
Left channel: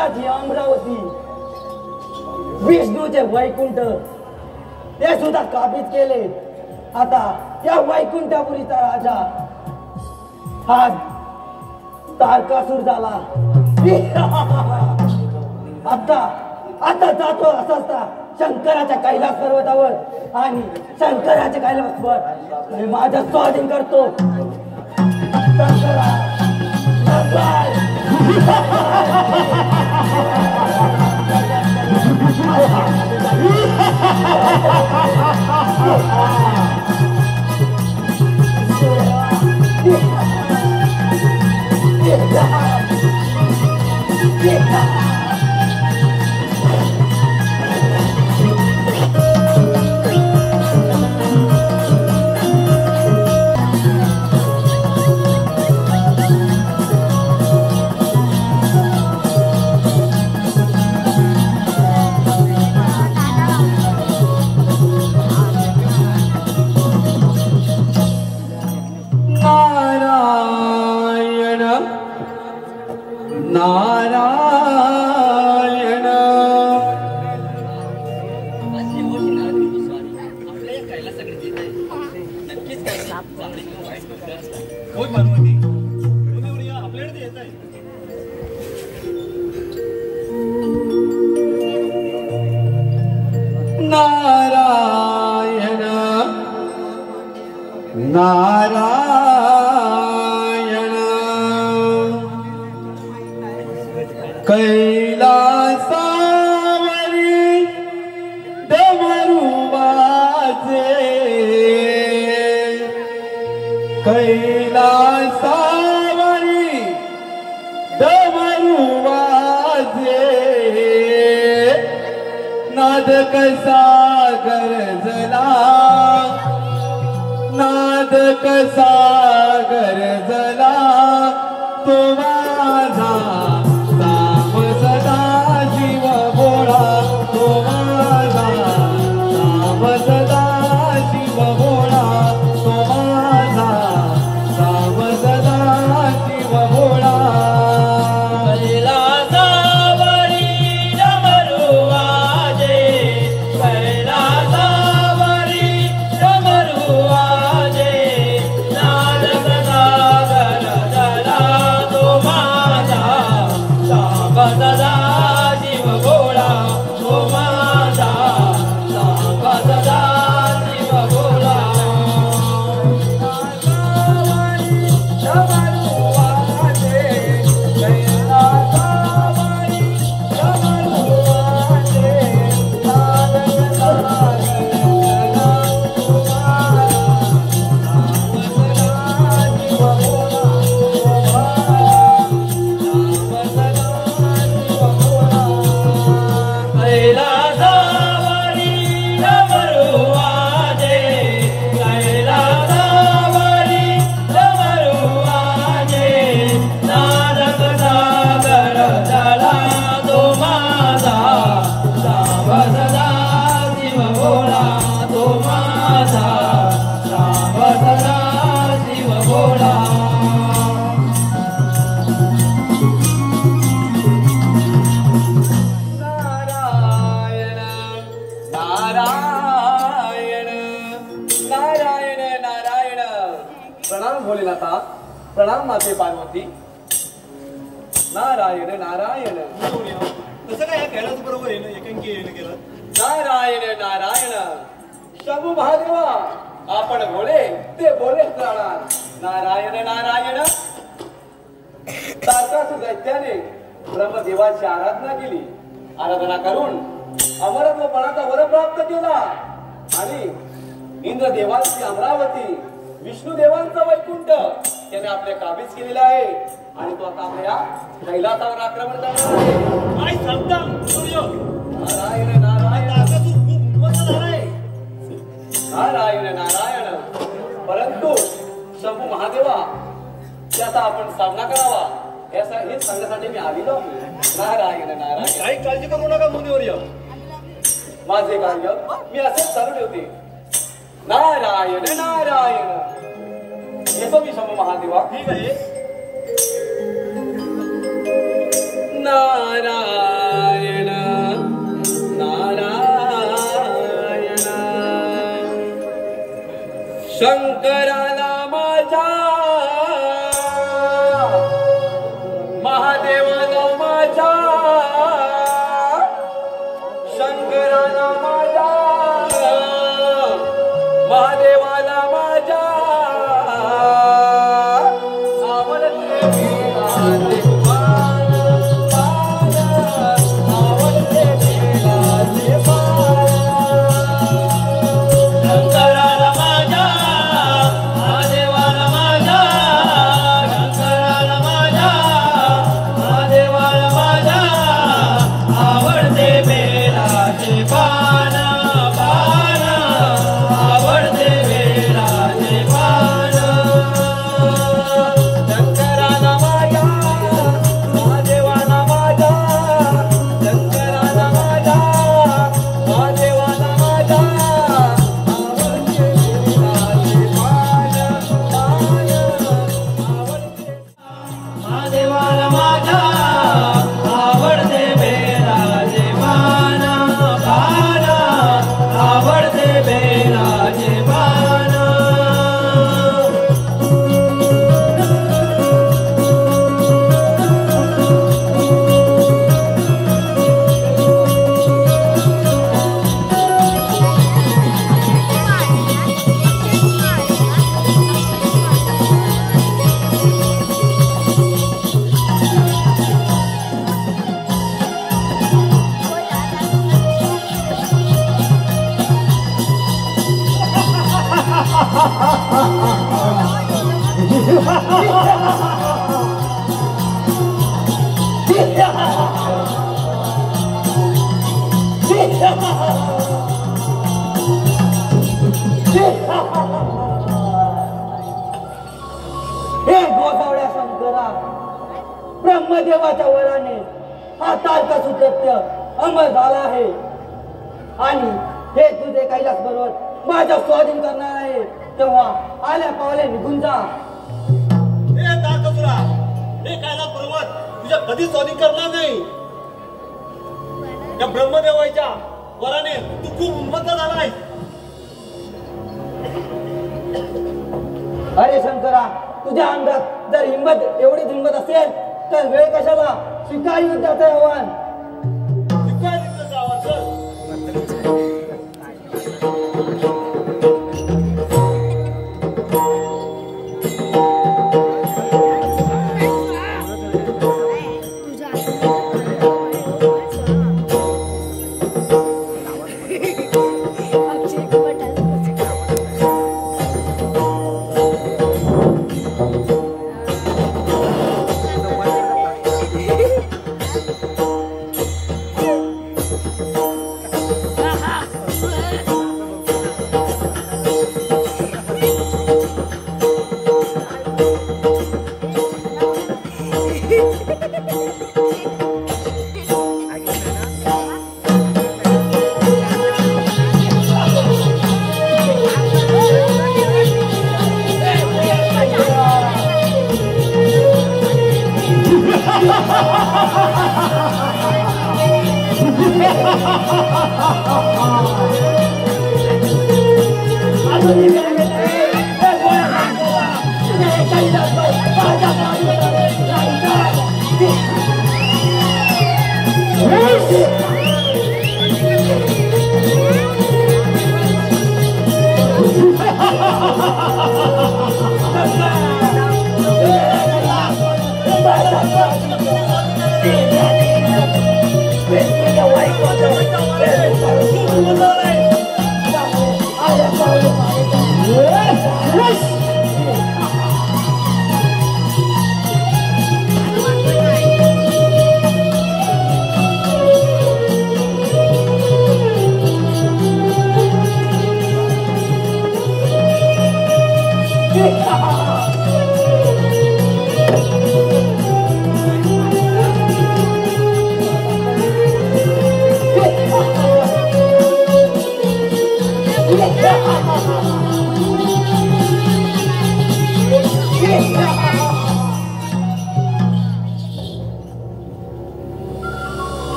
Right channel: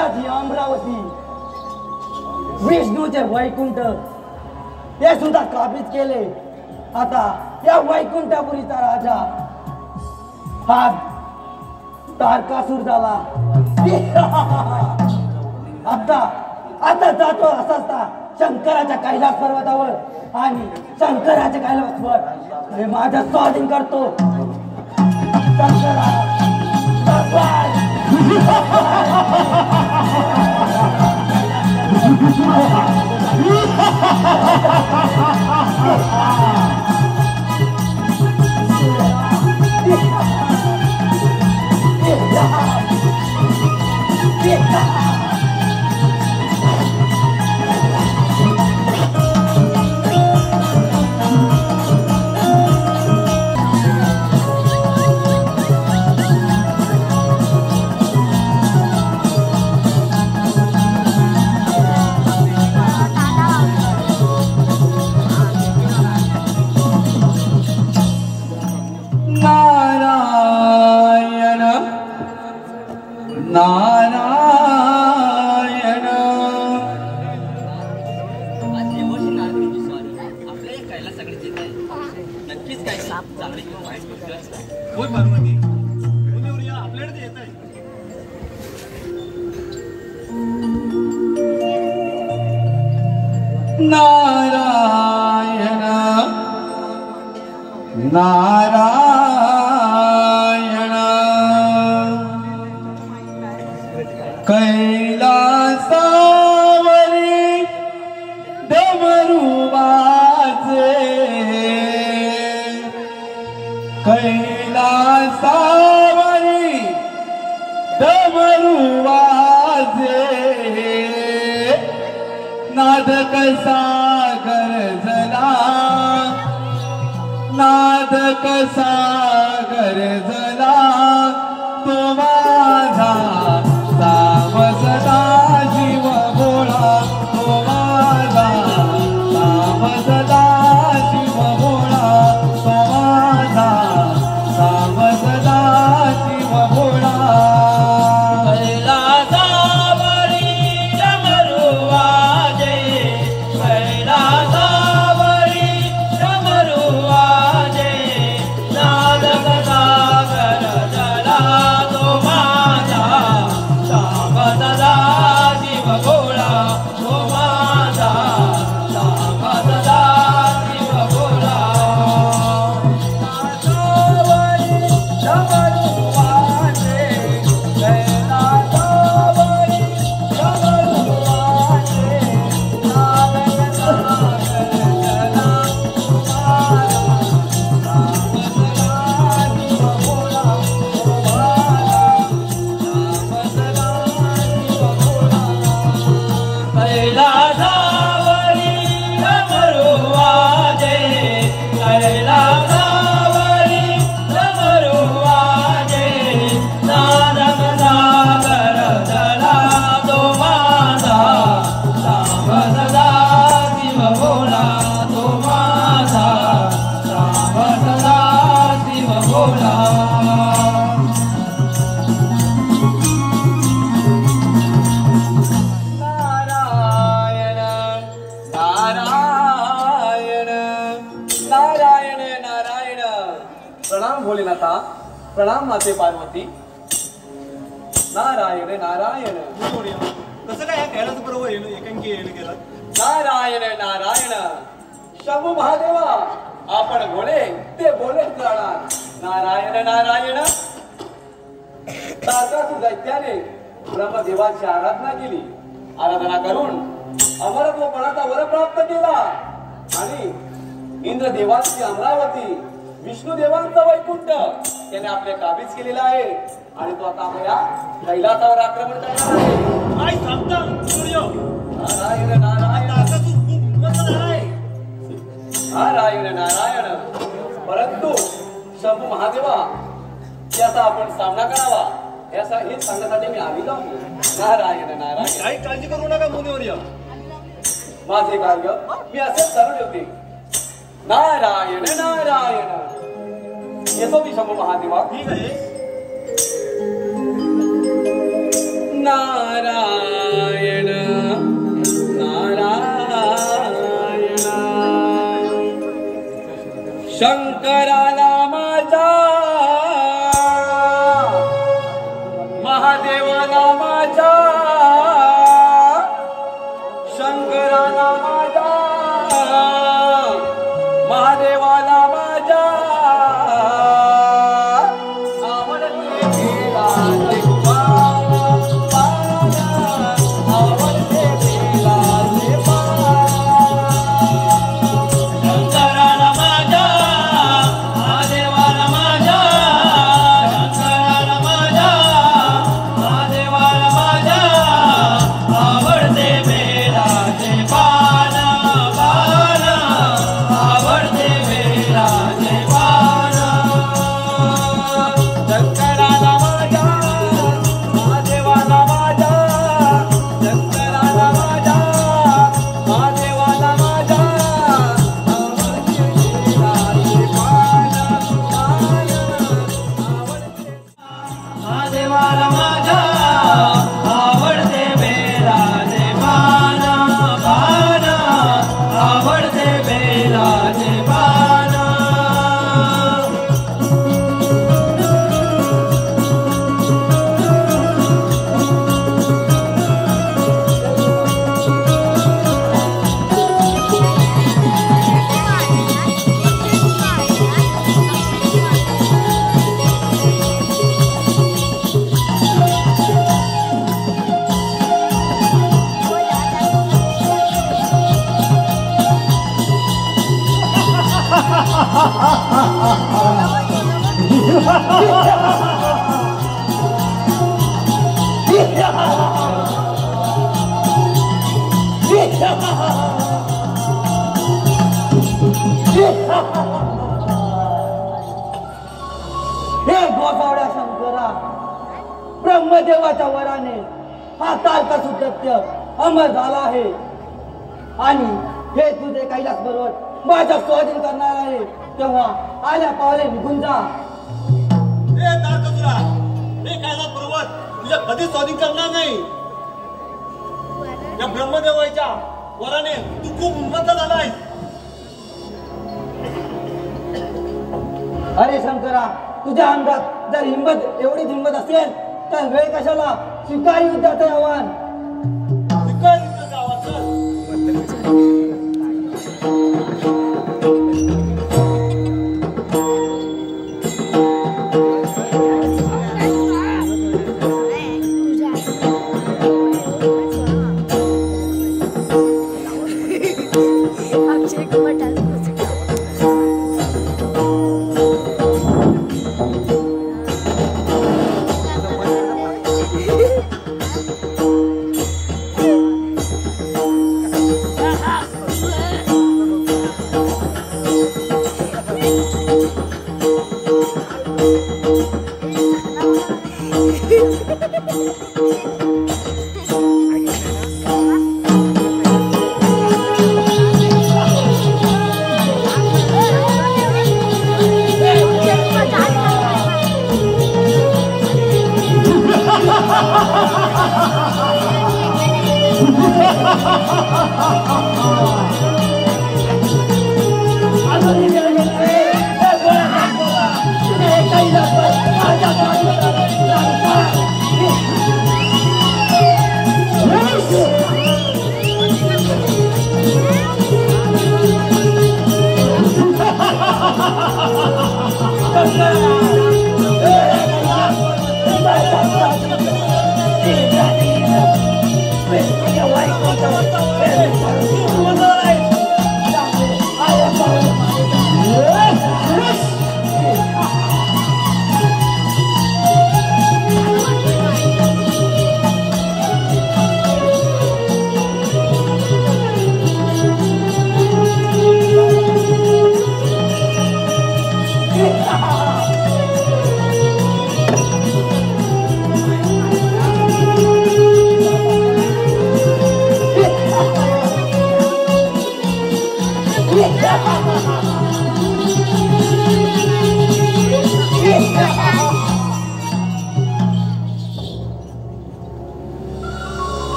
इंद्राची अमरावती, विष्णूचे वैकुंठ हे सुद्धा काबीज केले. आता या वैकुंठपुरीचा राजा हा तारकासूर झाला. आता जातो असता शंकराच्या कैलास पर्वतावर आणि शंकराच्या कैलासवर माझा स्वाधीन करतो. शंकरा नारायण नारायण कैलासावरी डमरू वाजे, कैलासावरी डमरू वाजे, नाद कसा गरजला, नाद कसा गरजला, तो माझा सावसदा जीव भोळा, तो माझा सावसदा जीव भोळा, तो माझा सावसदा जीव भोळा. प्रणाम भोलेनाथा, प्रणाम माते पार्वती. नारायण नारायण. कसं काय खेळाचं बरोबर येणं एकांकी येणं केलं. नारायण नारायण. शंभू महादेवा आपण भोले ते भोलेच राहणार. नारायण नारायण. तारकासूर दैत्याने ब्रह्मदेवाची आराधना केली. आराधना करून अमरत्वपणाचा वर प्राप्त केला आणि इंद्रदेवांची अमरावती, विष्णुदेवांचा वैकुंठ त्याने आपल्या काबीज केलेला आहे आणि तो आता आपल्या कैलासावर आक्रमण करणार आहे. काय सांगता सूर्य? नारायण नारायण. तारकासूर खूप मस्त झालाय. नारायण नारायण. परंतु शंभू महादेवा त्याचा आपण सामना करावा याचा हेच सांगण्यासाठी मी आलेलो आहे. नारायण नारायण. काही काळजी करू नका मुनिवर्य. माझे कार्य मी असेच ठरवले होते. नारायण नारायण. येतो मी शंभू महादेवा. ठीक आहे. नारायण ब्रह्मदेवाच्या वराने हा तारकासुर दैत्य अमर झाला आहे आणि हे तुझे कैलास बरोबर माझ्या स्वाधीन करणार आहे. तेव्हा आल्या पावले निघून जा. हे तारकासुरा, हे कैलास पर्वत तुझ्या कधी स्वाधीन करणार नाही. या ब्रह्मदेवाच्या वराने तू खूप उन्मत्त झालाय. अरे शंकरा, तुझ्या अंगात जर हिंमत एवढीच हिंमत असेल तर वेळ कशाला? स्वीकार युद्धाचे आव्हान. स्वीकार युद्धाचे आव्हान. चल.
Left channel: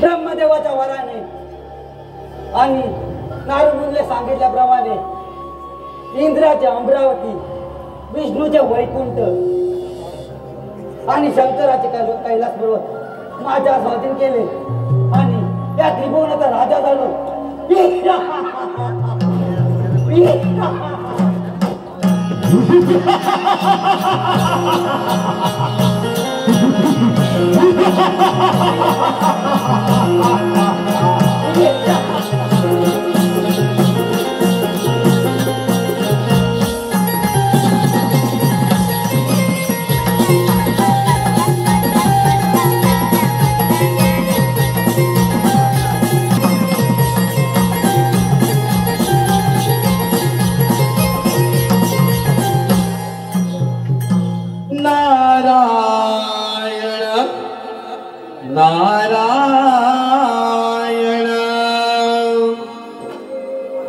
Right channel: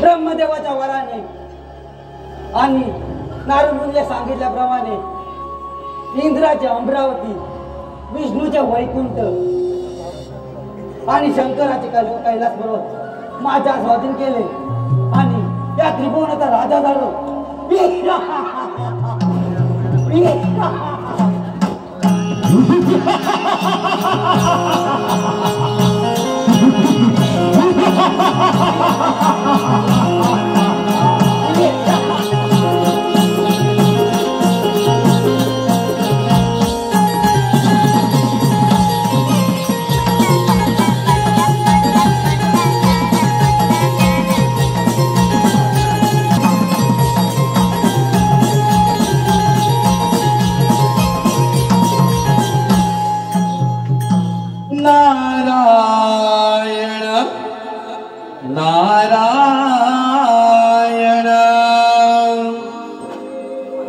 ब्रह्मदेवाच्या वराने आणि नारदमुनीने सांगितल्याप्रमाणे इंद्राचे अमरावती, विष्णूचे वैकुंठ आणि शंकराचे कैलास पर्वत माझ्या स्वाधीन केले आणि त्या त्रिभुवनाचा राजा झालो. नारायण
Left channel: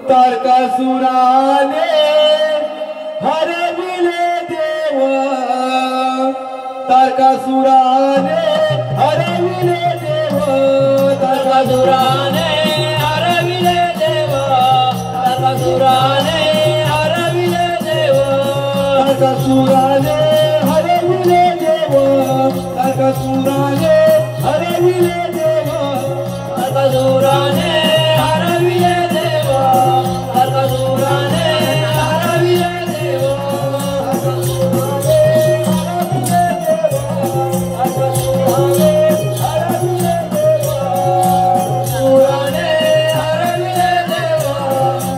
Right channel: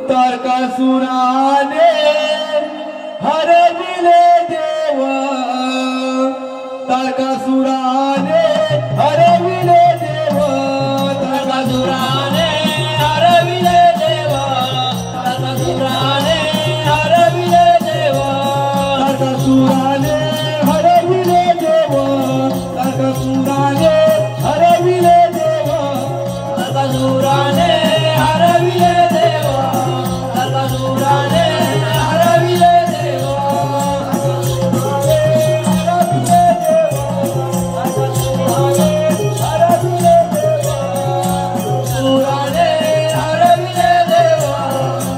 तारकासुराने हरविले देव, तारकासुराने हरविले देव, तारकासुराने हरविले देव, तारकासुराने हरविले देव, तारकासुराने हरविले देव, तारकासुराने हरविले देव, तारकासुराने हरविले देव, तारकासुराने हरविले देव, तारकासुराने हरविले देव, तारकासुराने हरविले देव, तारकासुराने हरविले देव,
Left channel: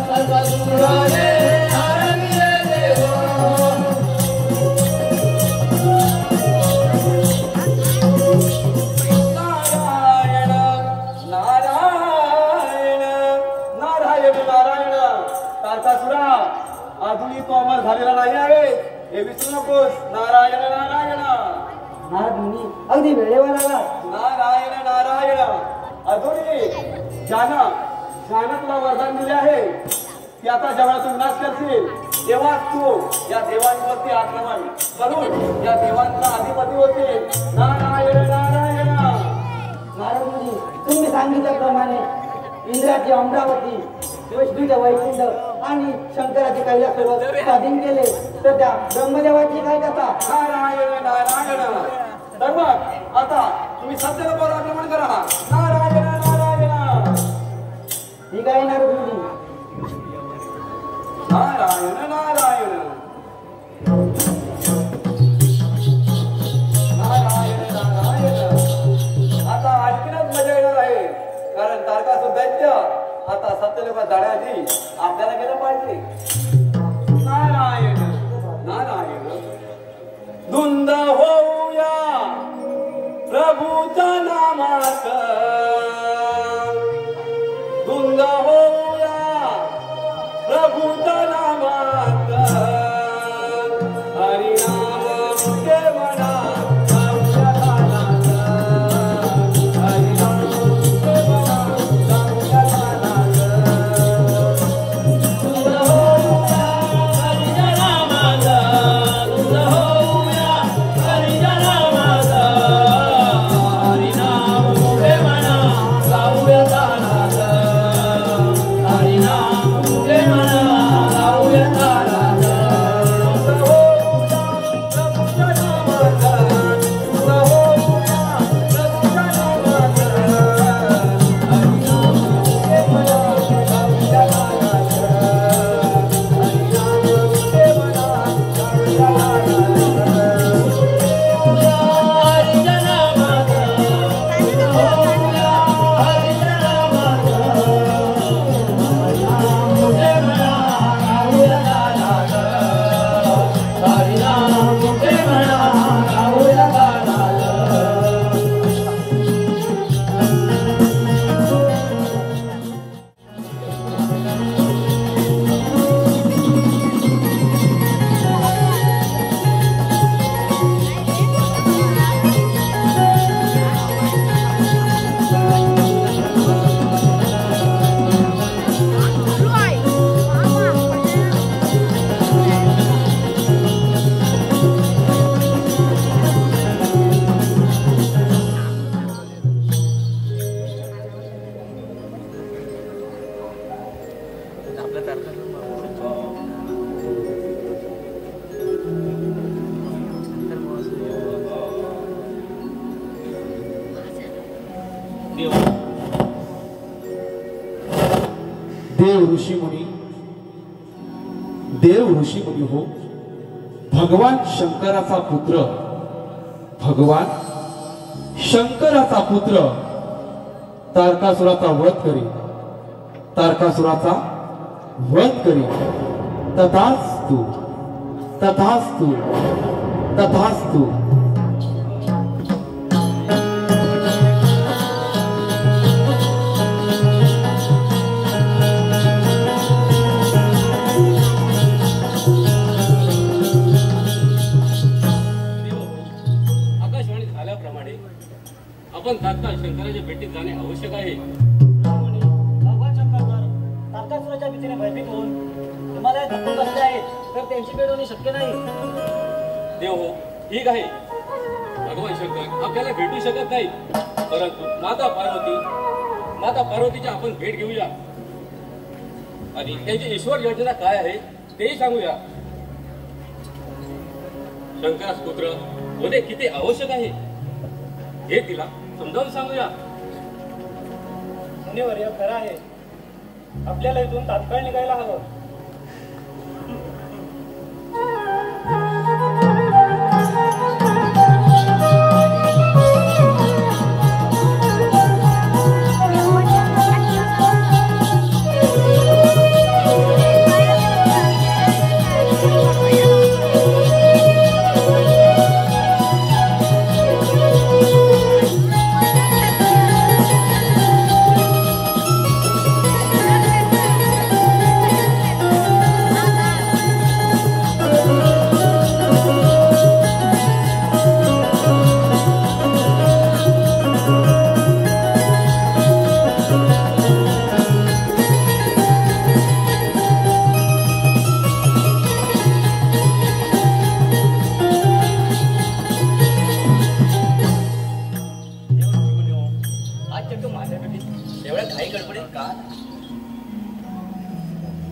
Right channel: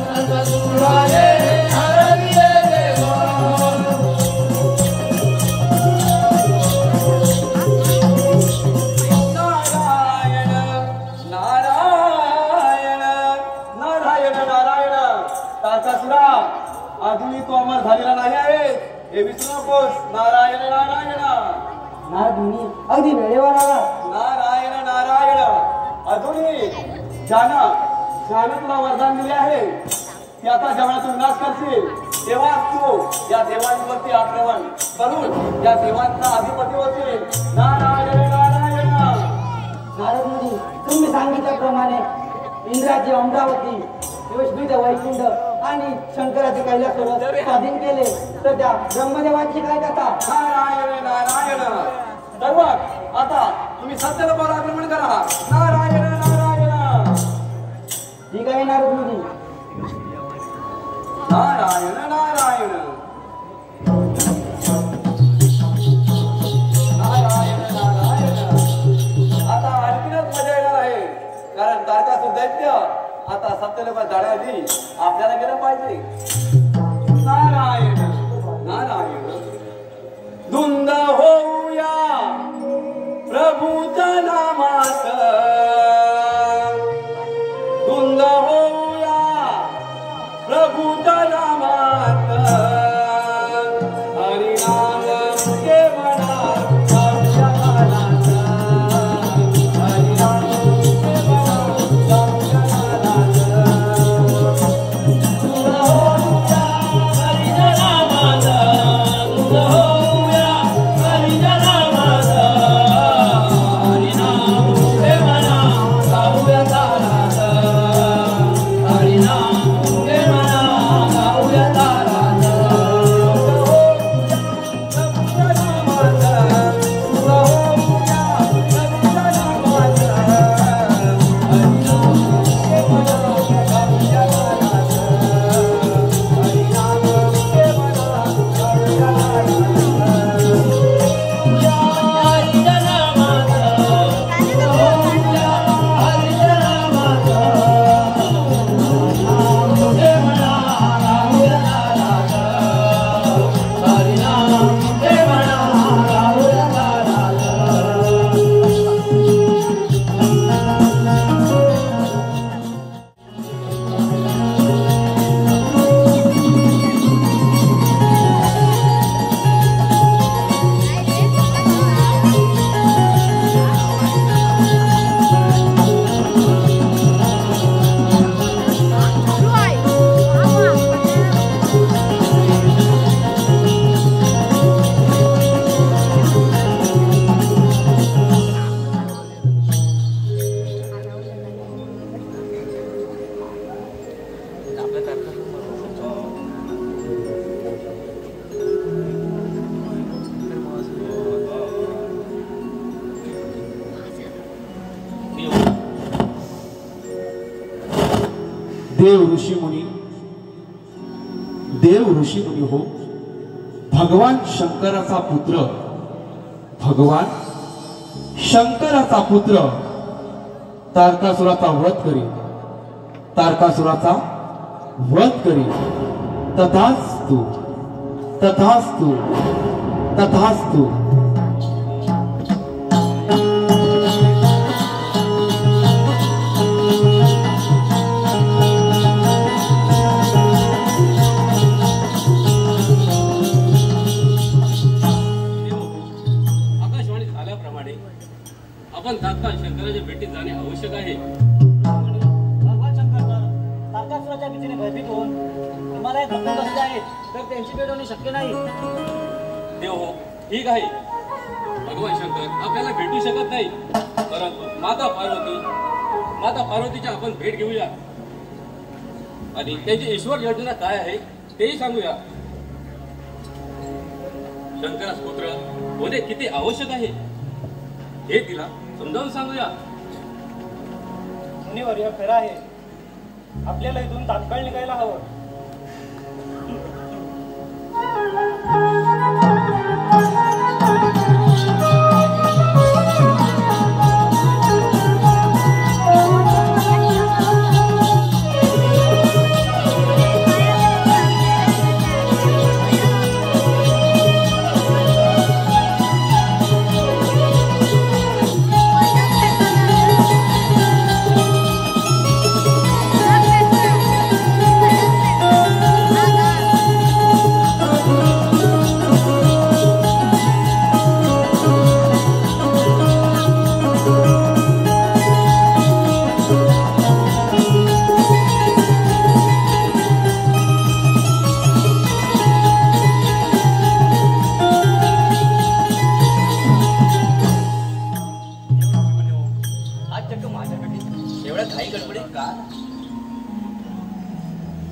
तारकासुराने हरविले देव. अजूनही तो अमर झालेला नाही आहे हे विसरू नकोस. नारायण नारायण नारद मुनी अगदी वेळेवर आला. नारायण नारायण. अजूनही ज्यानं तुला वरदान दिले आहे की आता जगातून नाश करशील तेव्हा तू या देवांवरती आक्रमण करून या देवांचा अधिपती होतील. नारायण नारायण. नारद मुनी तुम्ही सांगितल्याप्रमाणे इंद्राचे अमरावती, विष्णूचे वैकुंठ आणि शंकराचे कैलासोबत स्वाधीन केले तर त्या ब्रह्मदेवाची काय कथा. नारायण नारायण. तर मग आता तुम्ही सत्यरूपावर आक्रमण करा. नारायण नारायण. ठीक आहे नारद मुनी. नारायण नारायण. नारायण नारायण. आता आणखीनच मजा येणार आहे कारण तारकासुर दैत्य आता सत्यलोकात जाण्याआधी आपल्याला गेलं पाहिजे. नारायण नारायण. धुंद होऊया प्रभूच्या नामात. धुंद होऊया प्रभूच्या नामात. हरिनाम केवळात जाऊया कानात. हरिनाम केवळात जाऊया कानात. धुंद होऊया हरिच्या नामात. धुंद होऊया हरिच्या नामात. हरिनाम केवळात जाऊया कानात. हरिनाम देव ऋषी मुनी हो. भगवान शंकराचा पुत्र तारकासुराचा वध करी. तथास्तु तथास्तु तथास्तु. आपण तात्काळ शंकराच्या भेटीत जाणे आवश्यक आहे. भगवान शंकर तर तारकासुराच्या भीतीने भयभीत होऊन हिमालयात दबून बसले आहेत तर त्यांची भेट होणे शक्य नाही. देव हो, ठीक आहे. भगवान शंकर आपल्याला भेटू शकत नाही परंतु माता पार्वतीच्या आपण भेट घेऊया आणि त्यांची ईश्वर योजना काय आहे तेही सांगूया. शंकरास पुत्र होणे किती आवश्यक आहे हे तिला समजावून सांगूया. मुनिवर्य खरं आहे. आपल्याला इथून तात्काळ निघायला हवं.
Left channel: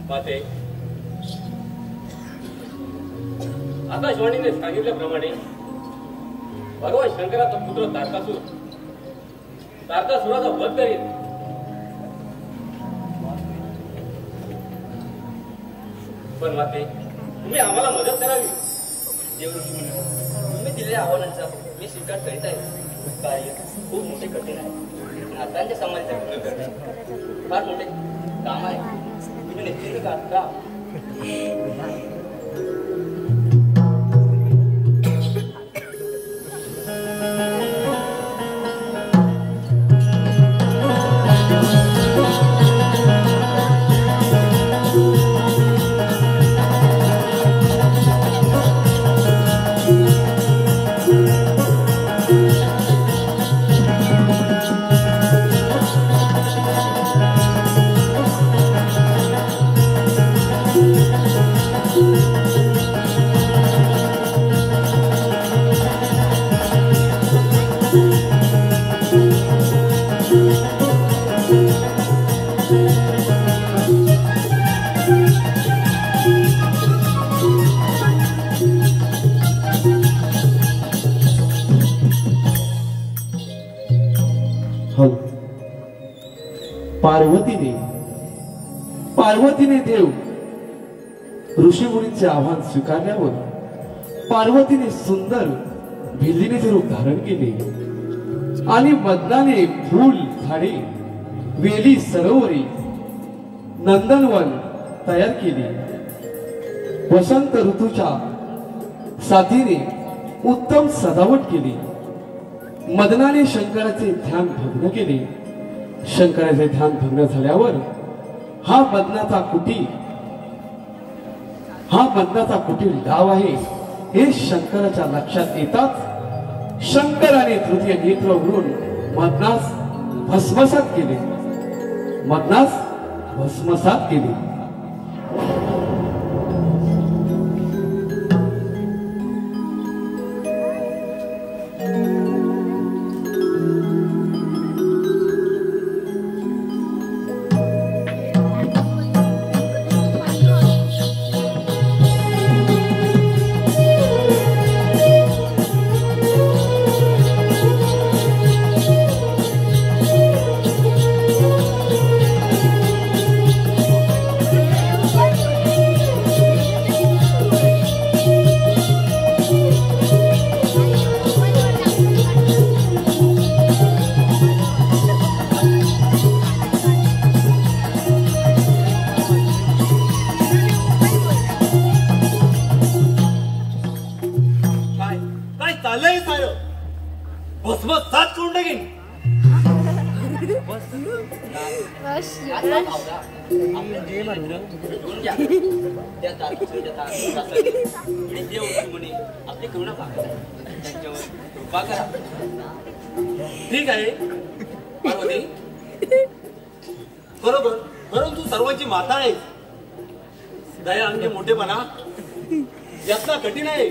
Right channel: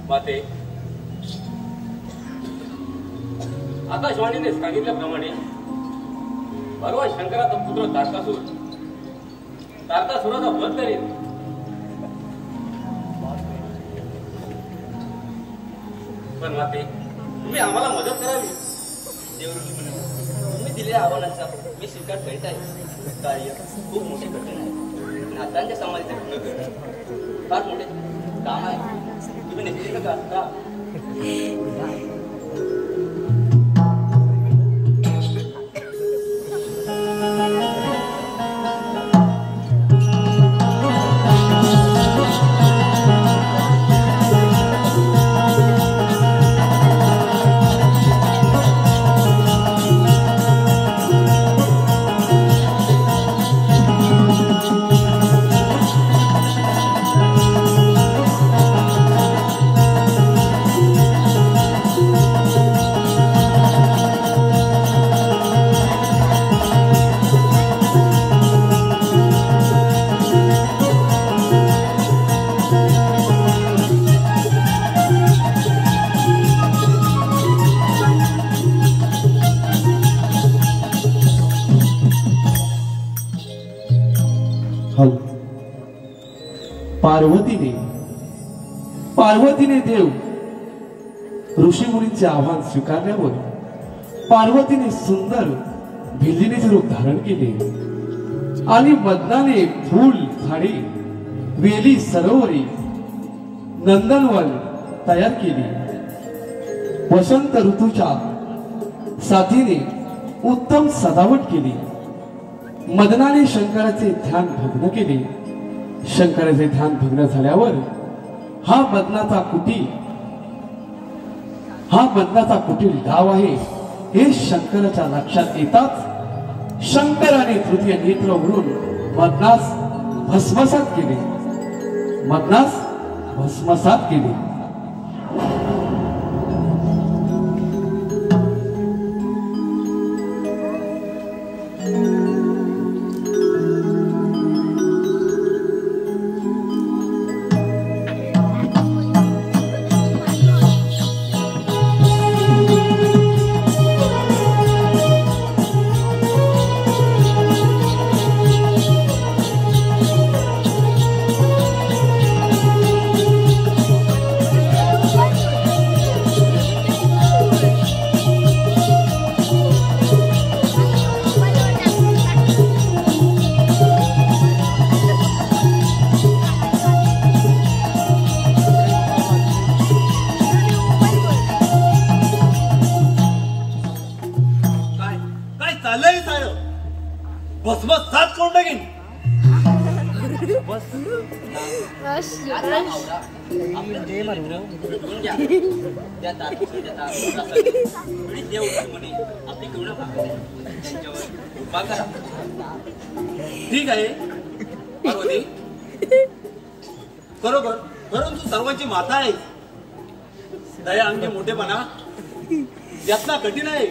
माते, आकाशवाणीने सांगितल्याप्रमाणे भगवान शंकराचा पुत्र तारकासुराचा वध करेल. पण माते, तुम्ही आम्हाला मदत करावी. तुम्ही दिलेल्या आव्हानाचा मी स्वीकार करीत आहे. कार्य खूप मोठे कठीण आहे. नातांच्या समाजाचे फार मोठे काम आहे. तुम्ही निश्चित का? पार्वतीने देव ऋषीमुनींचे आव्हान स्वीकारल्यावर पार्वतीने सुंदर भिल्लीनेचे रूप धारण केले आणि मदनाने फूल झाडे, वेली, सरोवरे, नंदनवन तयार केली. वसंत ऋतूच्या साथीने उत्तम सजावट केली. मदनाने शंकराचे ध्यान भग्न केले. शंकराचे ध्यान भग्न झाल्यावर हा मदनाचा कुटील डाव आहे हे शंकराच्या लक्षात येताच शंकराने तृतीय नेत्र उघडून मदनास भस्मसात केले. ठीक आहे पार्वती, बरोबर, परंतु सर्वांची माता आहे. दया आणि मोठेपणा यातना कठीण आहे.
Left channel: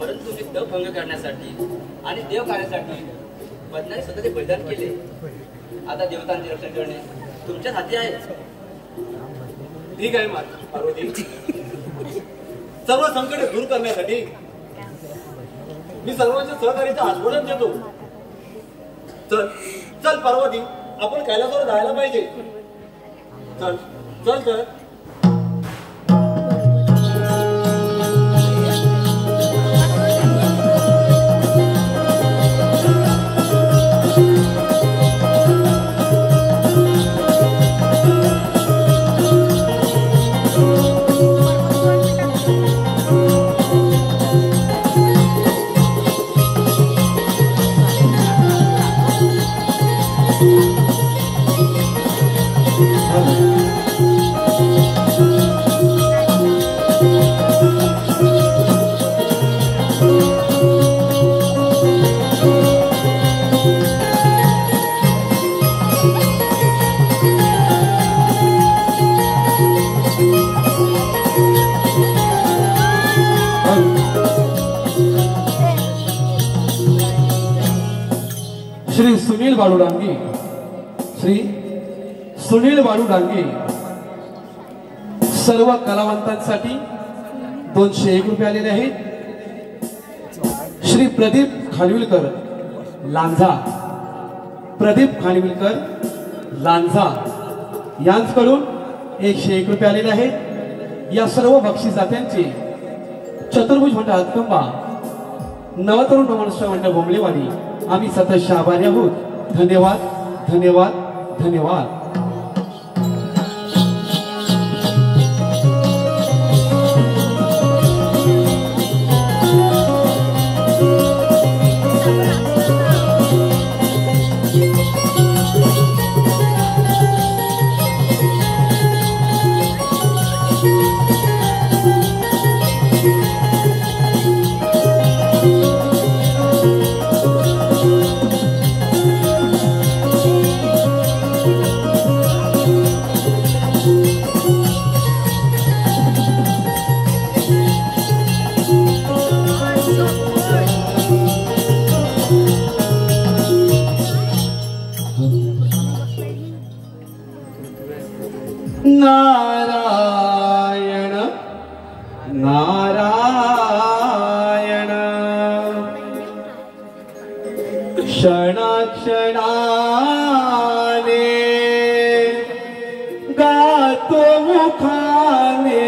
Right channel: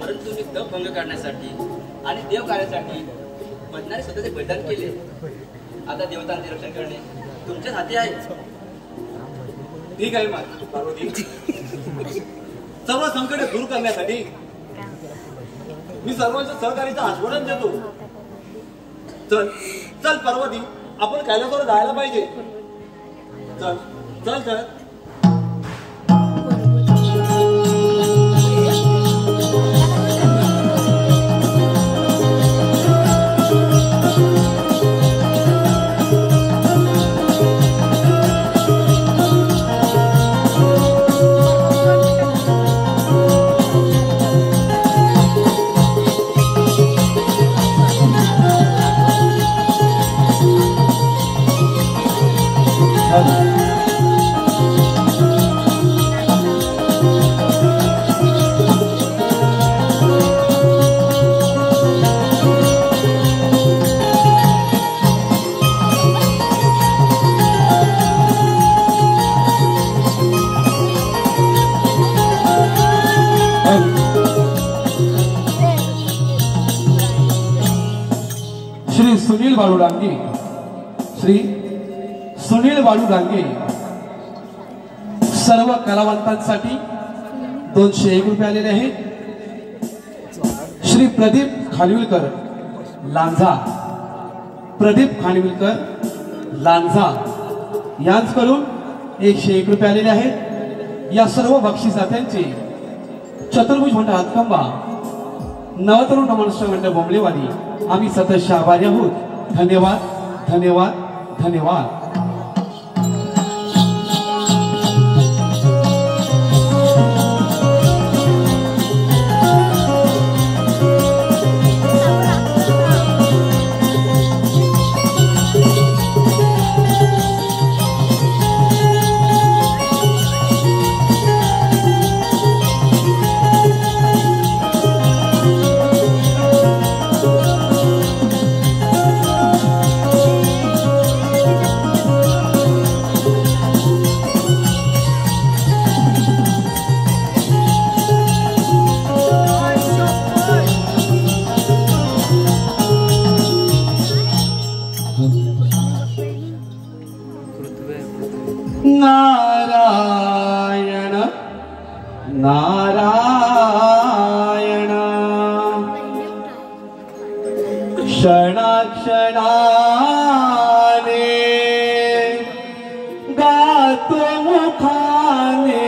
परंतु मी तप भंग करण्यासाठी आणि देव कार्यासाठी मदनाने स्वतःचे बलिदान केले. आता देवतांचे रक्षण करणे तुमच्याच हाती आहे. ठीक आहे पार्वती, सर्व संकटे दूर करण्यासाठी मी सर्वांच्या सहकार्याचं आश्वासन देतो. चल चल पार्वती, आपण कैलासावर जायला पाहिजे. चल चल चल. श्री सुनील बाळू रांगे, श्री सुनील बाळू डांगे सर्व कलावंतांसाठी 201 रुपये आलेले आहेत. श्री प्रदीप खानविलकर लांझा, प्रदीप खानविलकर लांझा यांच्याकडून 101 रुपये आलेले आहेत. या सर्व बक्षिसात्यांचे चतुर्भुज मंडळ हातखंबा, नवतरुण मनुष्य मंडळ बोंबलेवाडी आम्ही सतत आभारी आहोत. धन्यवाद, धन्यवाद, धन्यवाद. नारायण नारायण क्षणाक्षणाने गातो मुखाने,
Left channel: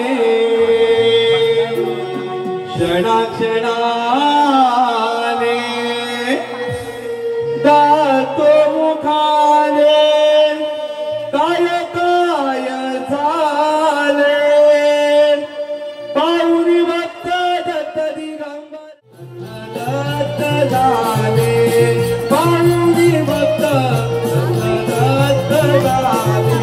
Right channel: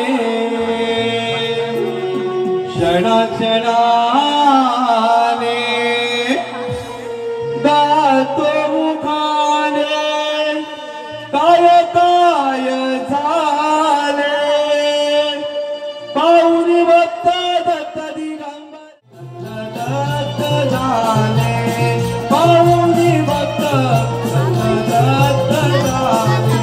क्षणाक्षणाने गातो मुखाने. काय काय झाले पाहुणी बघता दत्त दिगंबर, दत्त झाले पाहुणी बघता दत्त झाले.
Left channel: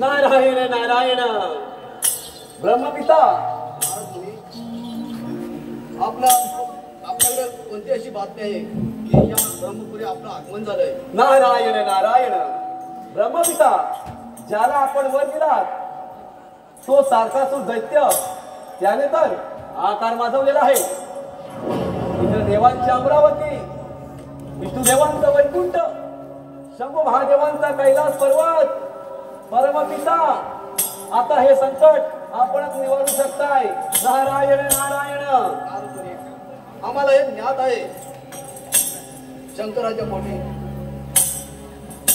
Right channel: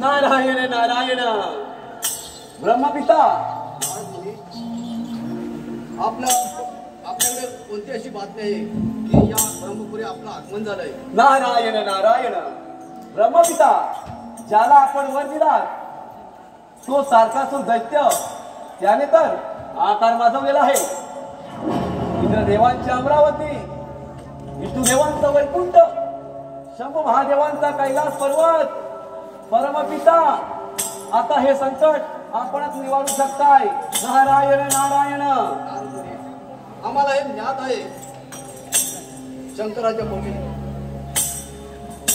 नारायण नारायण ब्रह्मपिता. आपल्याकडे कोणती अशी बातमी आहे की या ब्रह्मपुरी आपलं आगमन झालंय? नारायण नारायण ब्रह्मपिता, ज्याला आपण वर दिलात तो सारखासूर दैत्य त्याने तर आकार माजवलेला आहे. इंद्रदेवांची अमरावती, विष्णुदेवांचा वैकुंठ, शंभू महादेवांचा कैलास पर्वत. परमपिता, आता हे संकट आपणच निवारू शकताय. नारायण नारायण. आम्हाला हे ज्ञात आहे शंकराच्या पोटी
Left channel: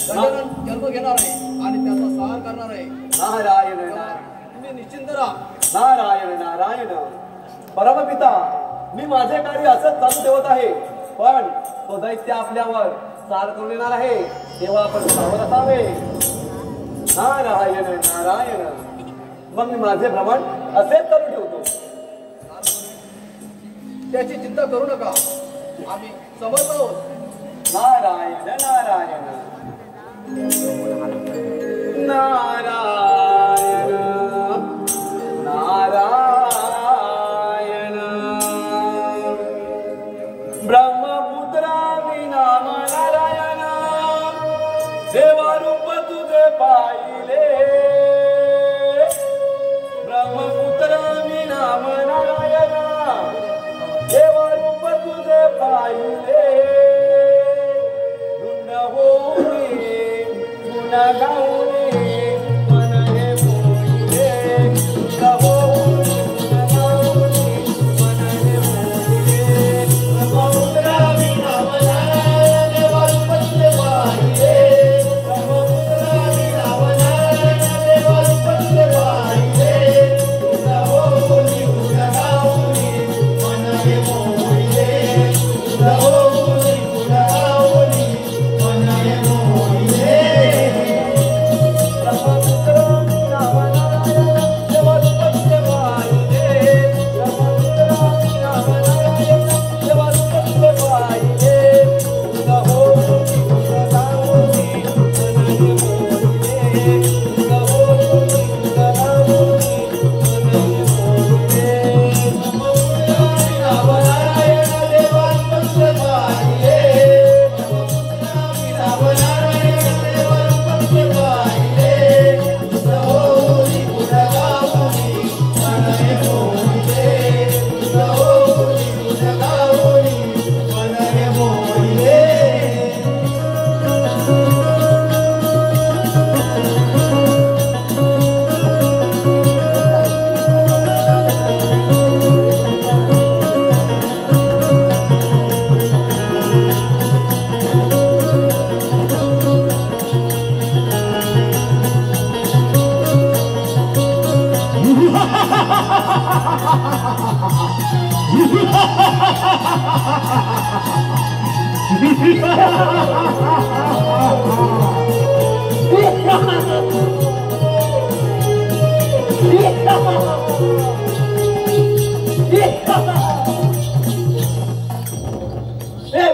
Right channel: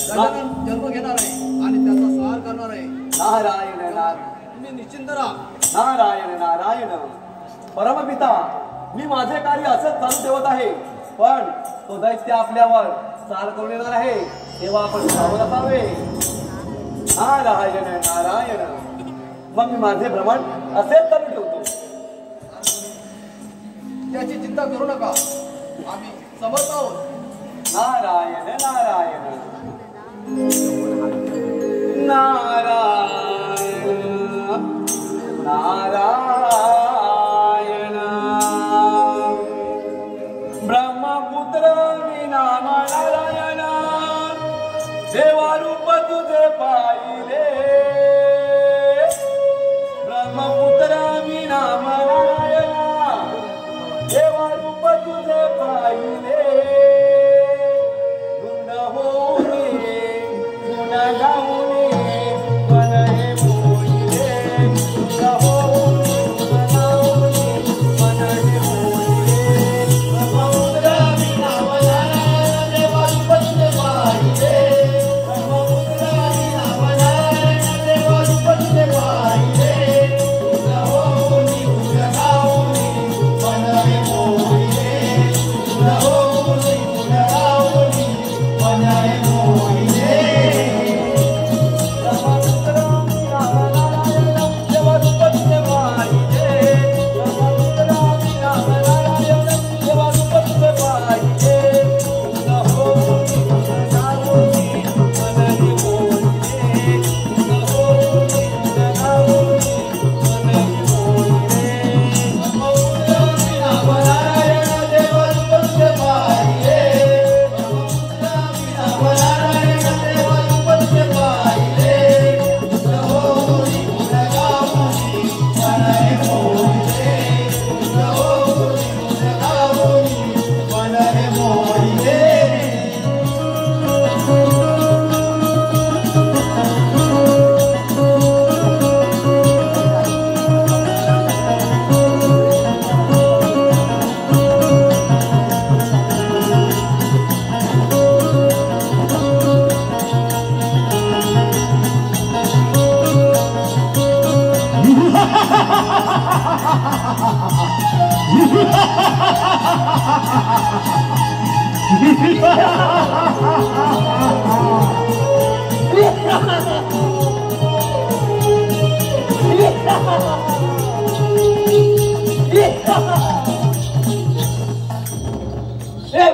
गजानन जन्म घेणार आहे आणि त्याचा संहार करणार आहे. नारायण नारायण. तुम्ही निश्चिंत राहा. नारायण नारायण. परमपिता, मी माझे कार्य असंच चालू ठेवत आहे, पण तो दैत्य आपल्यावर चाल करून येणार आहे तेव्हा आपण सावध असावे. नारायण नारायण. मग मी माझे भ्रमण असेच चालू ठेवतो. त्याची चिंता करू नका. आम्ही समर्थ आहोत. नारायण नारायण नारायण नारायण ब्रह्मपुत्र विना नारायण देवारूप तुझे पाहिले ब्रह्मपुत्र विना नारायण देवारूप तुझे पाहिले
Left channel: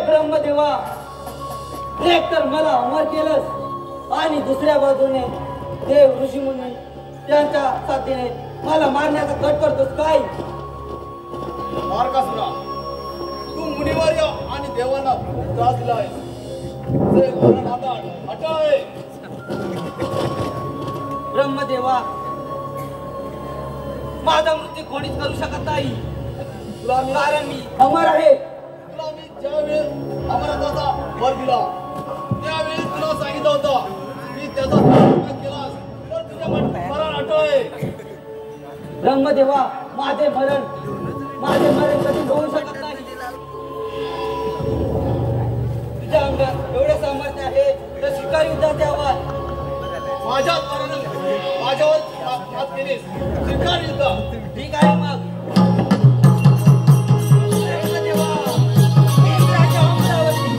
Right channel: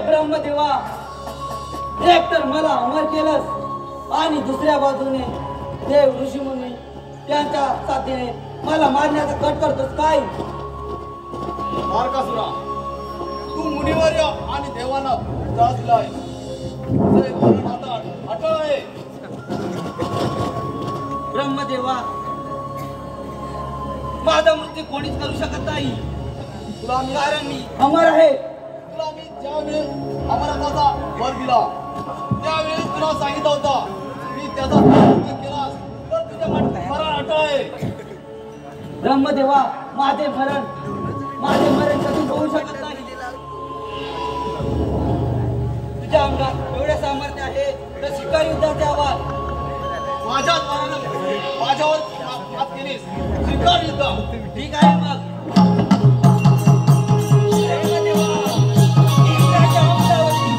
ब्रह्मदेवा, एक तर मला अमर केलंस आणि दुसऱ्या बाजूने देव ऋषी मुनी त्यांच्या साथीने मला मारण्याचा कट करतोस काय? तारकासुरा, तू मुनिवर्य आणि देवांना त्रास दिलाय. आता अटळ आहे. ब्रह्मदेवा, माझा मृत्यू कोणीच करू शकत नाही, कारण मी अमर आहे. तुला मी ज्यावेळेस अमरत्वाचा वर दिला त्यावेळेस तुला सांगितलं होतं मी त्याचा प्रयत्न केला तर तुझ्या मरण अटळ आहे. ब्रह्मदेवा, माझे मरण कधी होऊ शकत नाही. तुझ्या अंगात एवढे सामर्थ्य आहे तर शिकार युद्धाचे आवाज माझ्यावर हात केलीस. शिकार युद्ध ठीक आहे मग. ब्रह्मदेवा, इंद्राच्या वंशावरती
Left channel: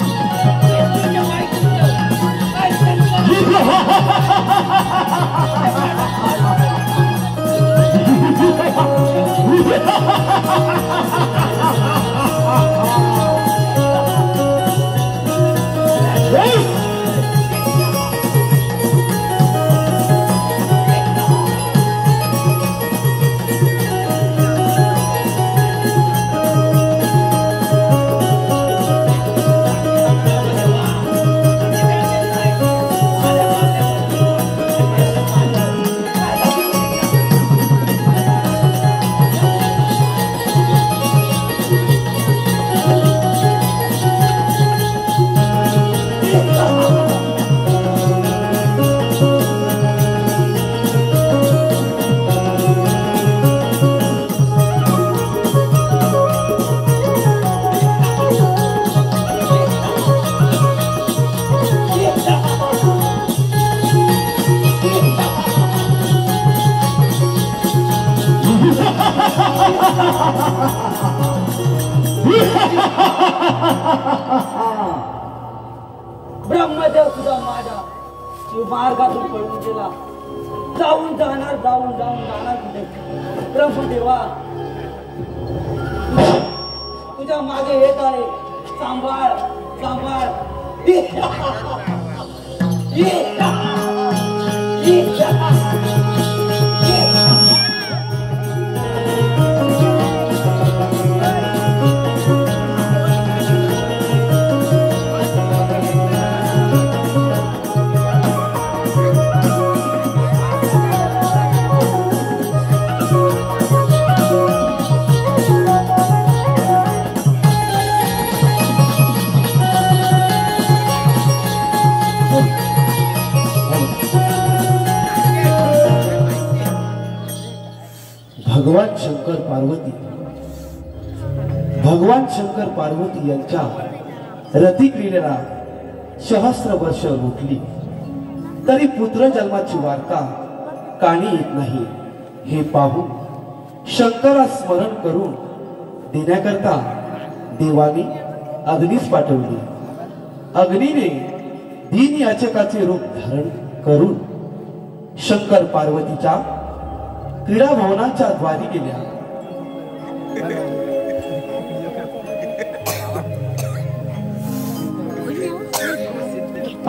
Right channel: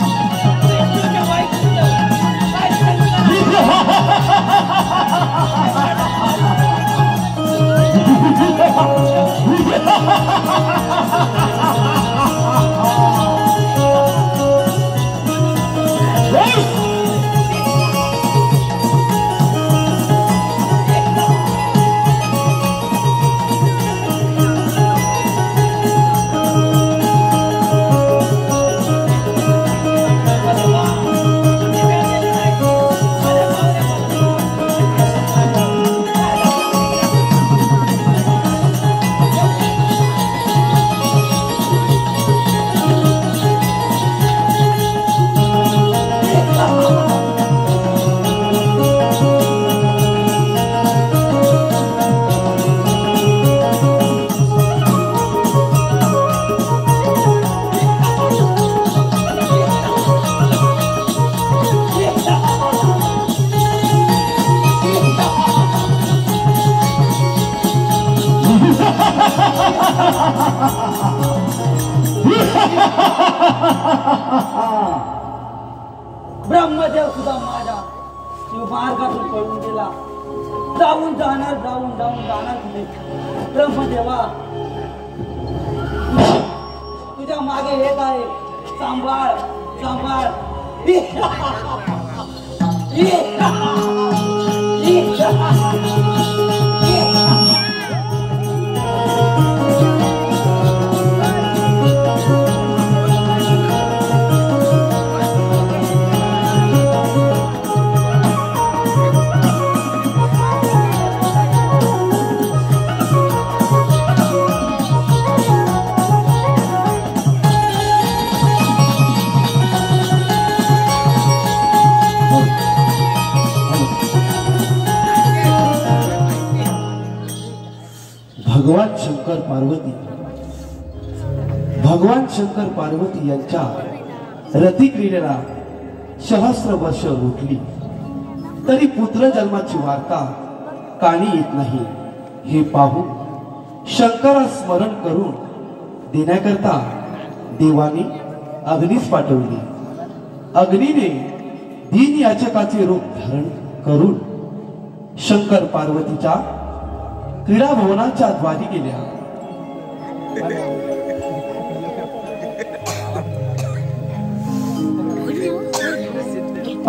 मृत्यूचे वाईट युद्ध आज ब्रह्मदेव सुद्धा माझ्या मार्गातून पळून गेला. जाऊन जाणार कुठे? ब्रह्मदेवा, तुझ्या मागे येत आहे सांभाळ सांभाळ भगवान शंकर पार्वती यांच्या रतिक्रीडेला सहस्र वर्ष रोखली तरी पुत्र जन्माची वार्ता कानी येत नाही. हे पाहून शंकरा स्मरण करून देण्याकरता देवाने अग्नीस पाठवली. अग्नीने दीन याचकाचे रूप धारण करून शंकर पार्वतीच्या क्रीडा भवनाच्या द्वारी गेल्या.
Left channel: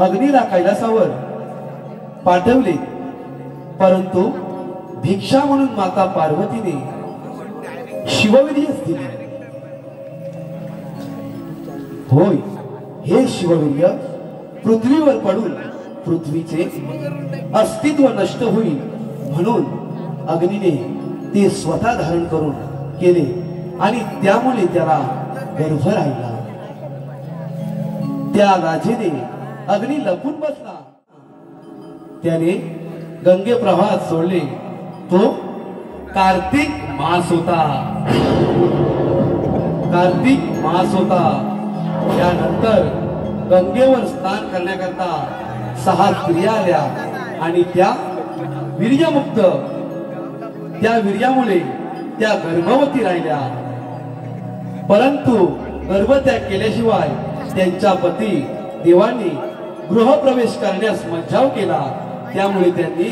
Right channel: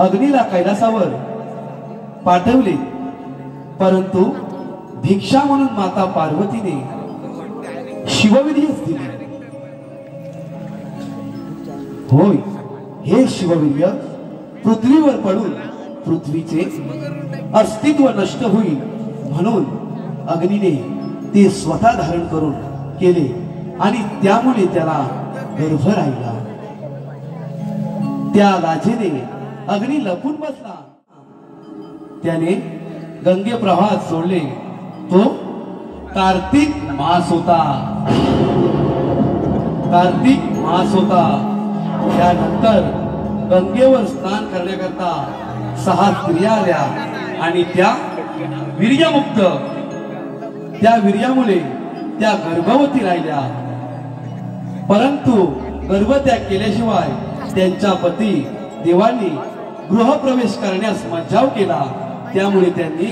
अग्नीला कैलासावर पाठवले परंतु भिक्षा म्हणून माता पार्वतीने शिववीर्यच दिले. होय, हे शिववीर्य पृथ्वीवर पडून पृथ्वीचे अस्तित्व नष्ट होईल म्हणून अग्नीने ते स्वतः धारण करून केले आणि त्यामुळे त्याला गर्भ राहिला. त्या लाजेने अग्नी लपून बसला. त्याने गंगे प्रवाहात सोडले. तो कार्तिक मास होता. कार्तिक मास होता. त्यानंतर गंगेवर स्नान करण्याकरता 6 स्त्रिया आल्या आणि त्या वीर्यमुक्त. त्या वीर्यामुळे त्या गर्भवती राहिल्या. परंतु गर्भत्याग केल्याशिवाय त्यांच्या पती देवांनी गृहप्रवेश करण्यास मज्जाव केला. त्यामुळे त्यांनी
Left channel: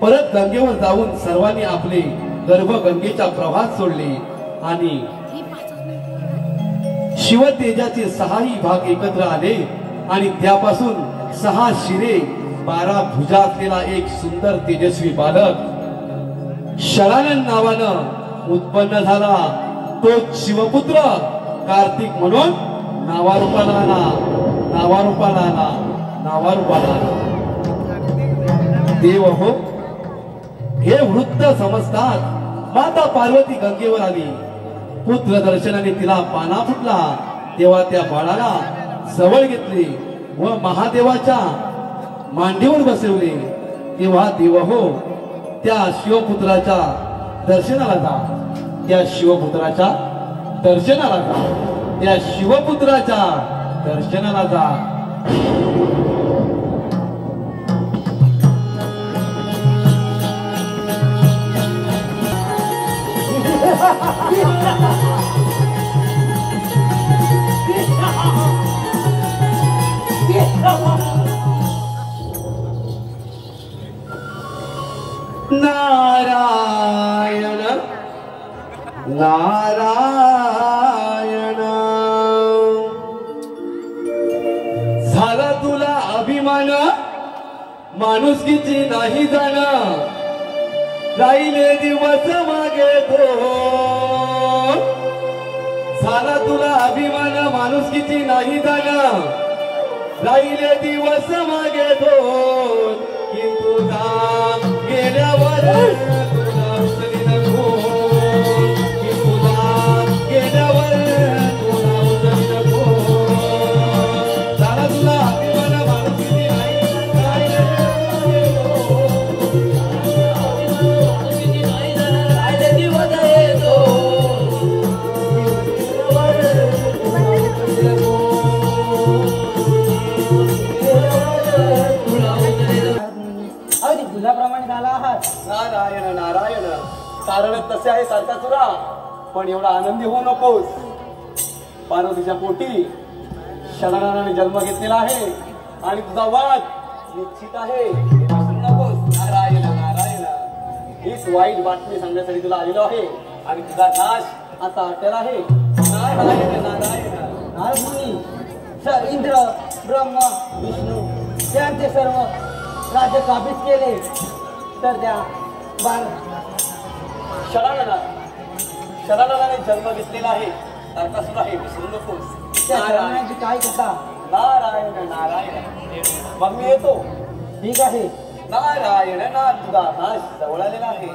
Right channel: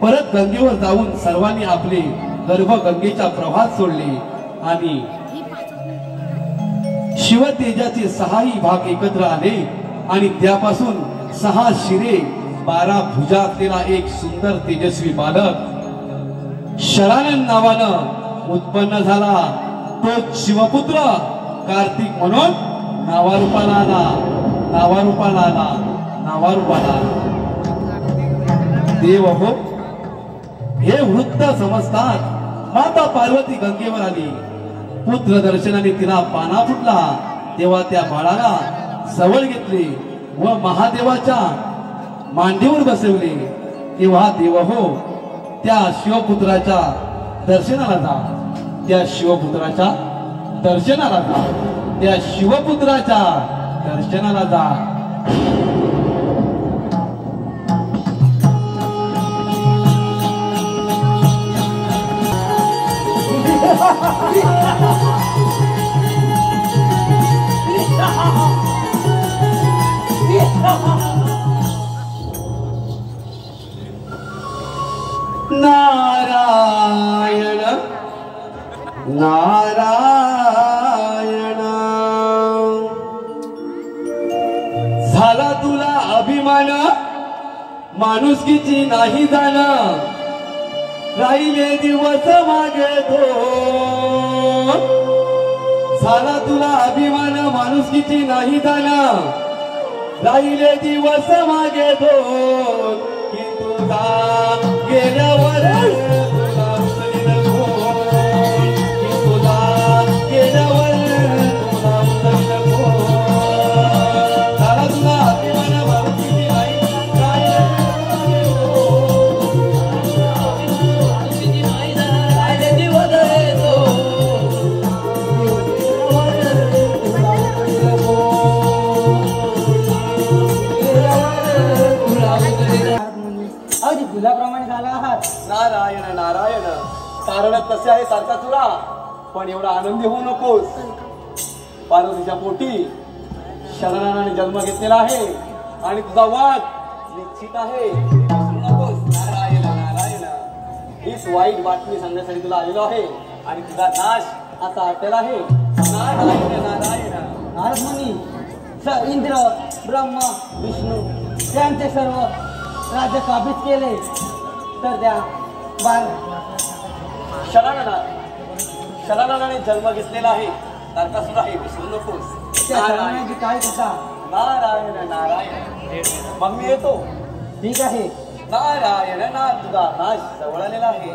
परत गंगेवर जाऊन सर्वांनी आपले गर्भ गंगेच्या प्रवाहात सोडले आणि शिवतेजाचे 6ही भाग एकत्र आले आणि त्यापासून 6 शिरे 12 भुजा असलेला एक सुंदर तेजस्वी बालक शरानंद नावानं उत्पन्न झाला. तो शिवपुत्र कार्तिक म्हणून नावारूपाला आला. नावारूपाला आला. नावारूपाला आला. देव हो, हे वृत्त समजतात माता पार्वती गंगेवर आली. पुत्र दर्शनाने तिला पाना फुटला. तेव्हा त्या बाळाला जवळ घेतले व महादेवाच्या मांडीवर बसवले. तेव्हा देव हो, त्या शिवपुत्राच्या दर्शनाला जा. त्या शिवपुत्राच्या दर्शनाला जा. त्या शिवपुत्राच्या दर्शनाला जा. नारायण नारायण. झाला तुला अभिमान माणुसकीची नाही जाणं. राहिले दिवस मागे तो. झाला तुला अभिमान माणुसकीची नाही जाणं. राहिले दिवस मागे तो. की तुझा गेल्यावर तुला उचली नको. की तुला गेल्यावर तुला उचली नको. झाला तुला अभिमान माणुसकीची नाही गुलाप्रमाणे झाला आहात. नारायण नारायण. कारण तसे आहे सारखा तुला, पण एवढा आनंदी होऊ नकोस. पार्वतीच्या पोटी शरणाने जन्म घेतलेला आहे आणि तुझा वाद निश्चित आहे. नकोस. नारायण नारायण. हीच वाईट बातमी सांगण्यासाठी तुला आलेलो आहे आणि तुझा नाश आता आटेला आहे. नारायण नारायण. नारद मुनी इंद्र ब्रह्मा विष्णू यांचे सर्व राज्य काबीज केले तर त्या शरणाने जन्म घेतलेला आहे नरकासुर आहे विसरू नकोस. त्या शरणाची काय कथा? नारायण नारायण मग मी येतो. ठीक आहे. नारायण ना तुझा नाश जवळ आलेला आहे.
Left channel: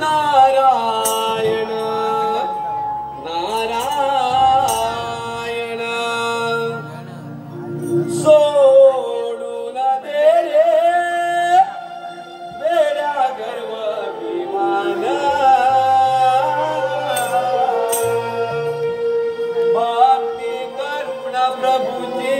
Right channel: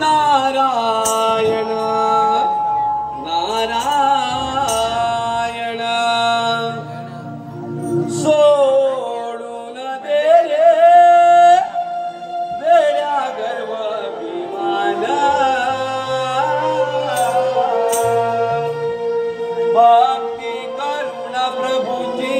नारायण नारायण सोडून दे रे वेड्या गर्व विमान भक्ती करुणा प्रभूची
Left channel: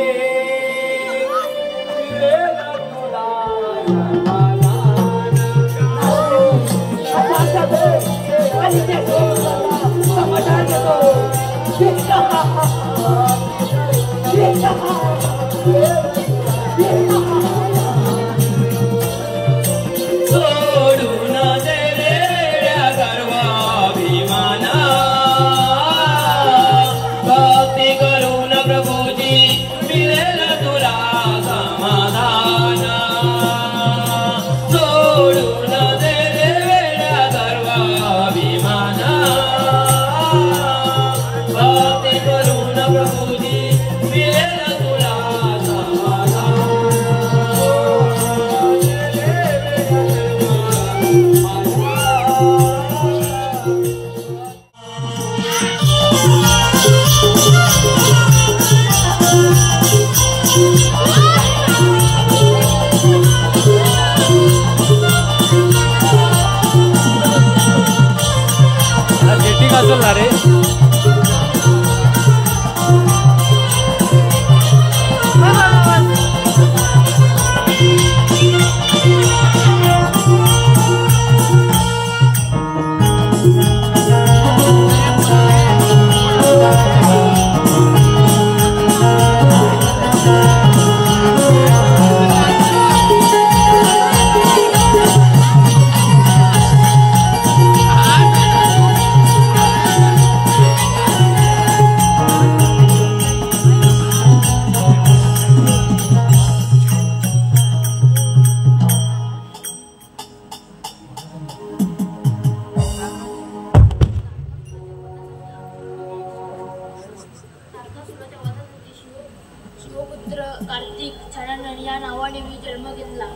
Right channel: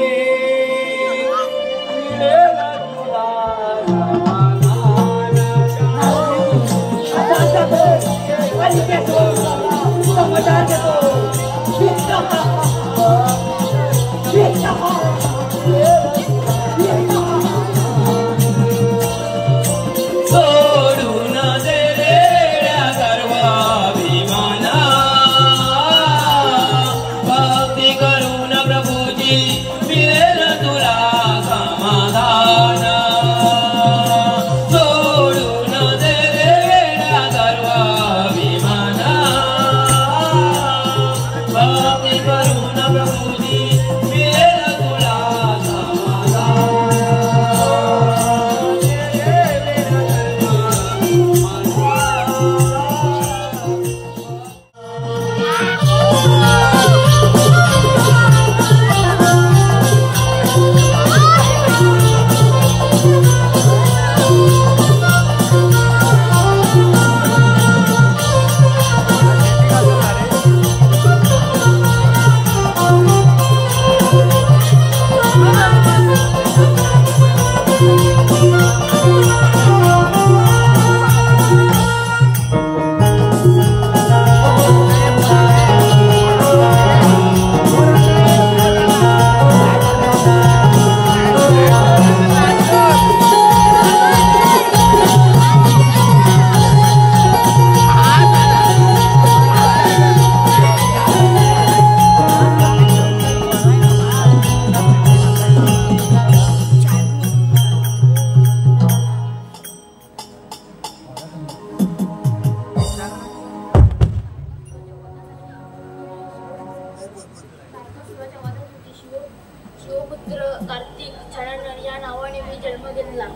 शिवपुत्र कार्तिक छानन या नावाने मी जन्म घेतला.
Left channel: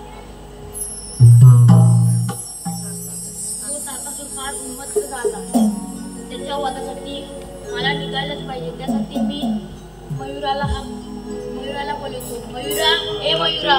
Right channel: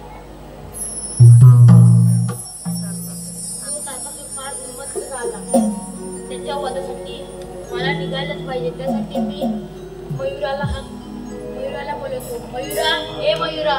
तो तारकासुर फार उन्मत्त झाला. त्याच्या वधासाठी मला निघायलाच पाहिजे. त्यासाठी मी मयुराला बोलवतो. मयुरा, ए मयुरा.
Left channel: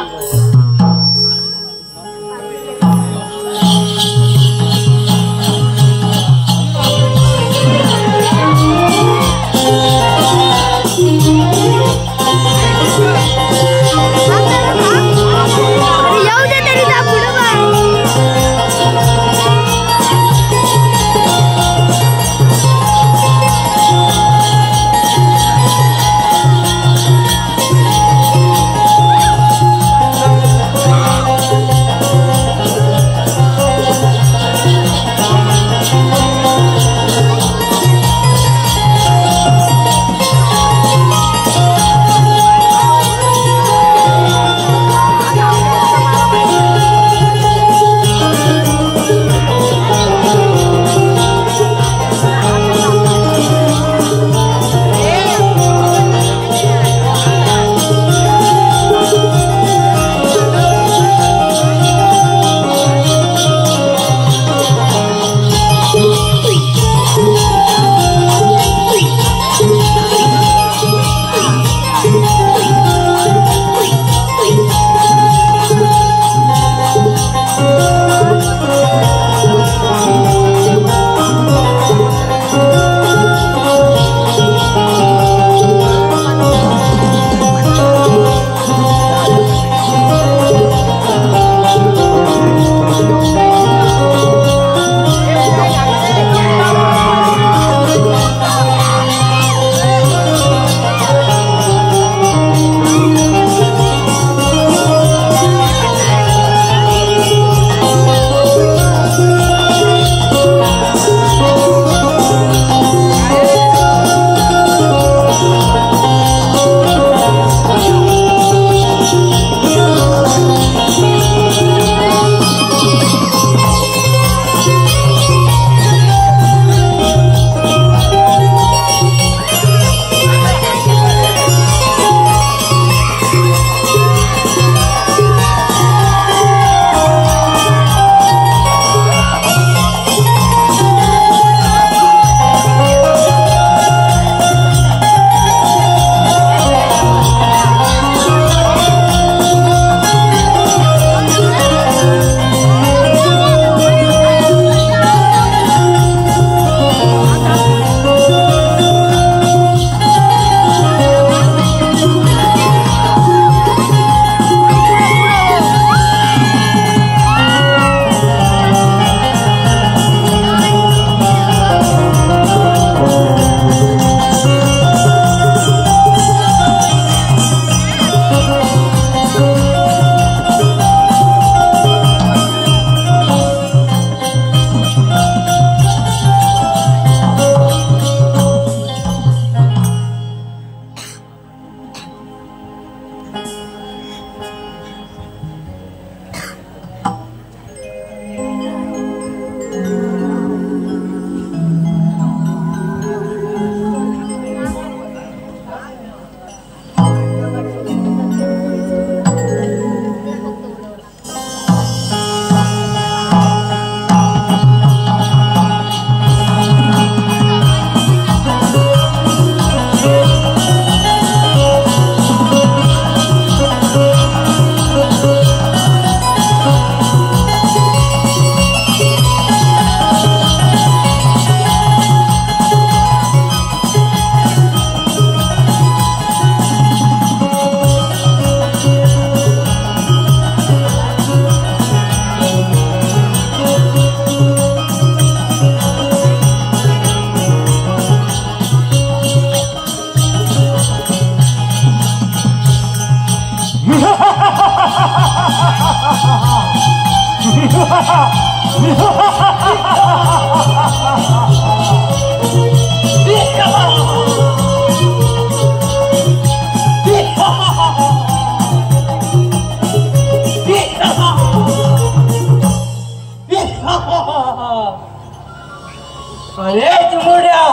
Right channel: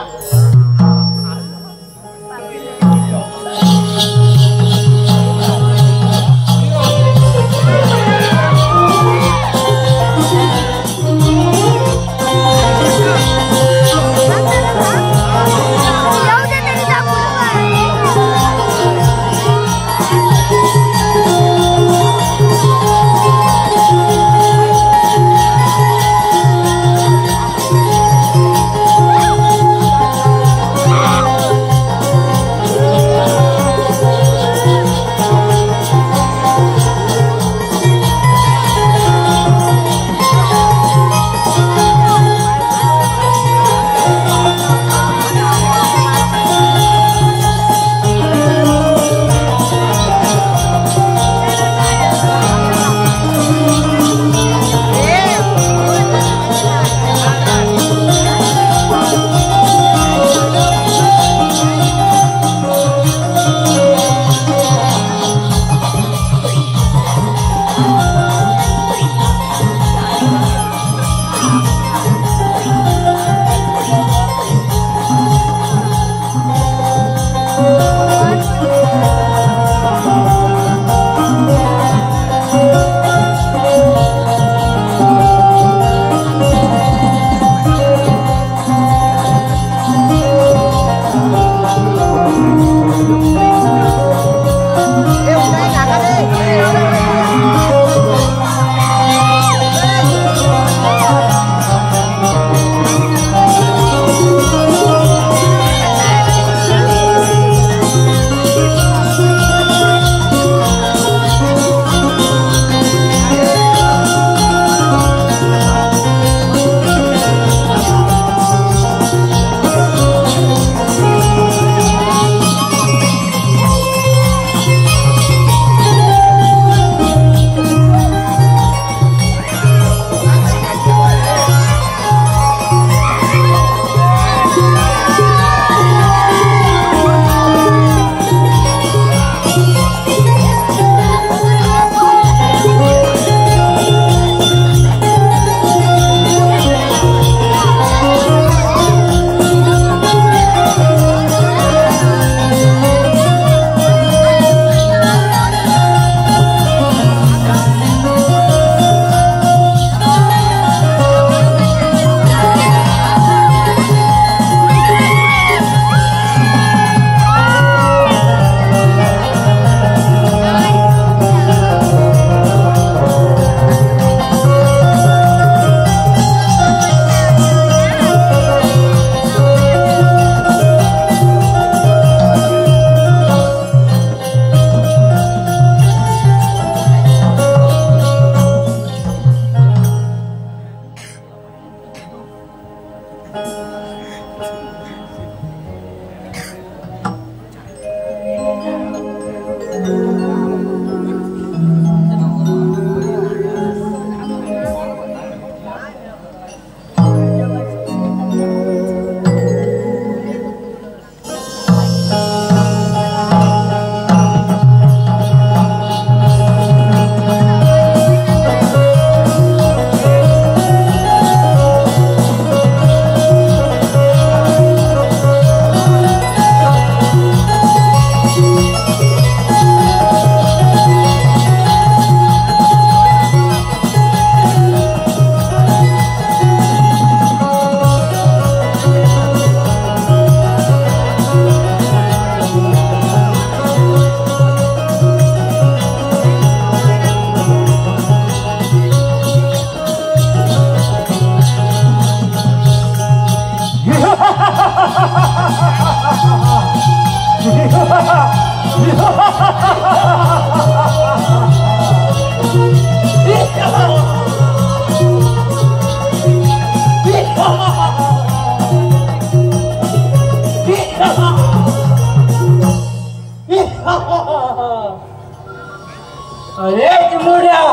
अरे चिमुरड्या,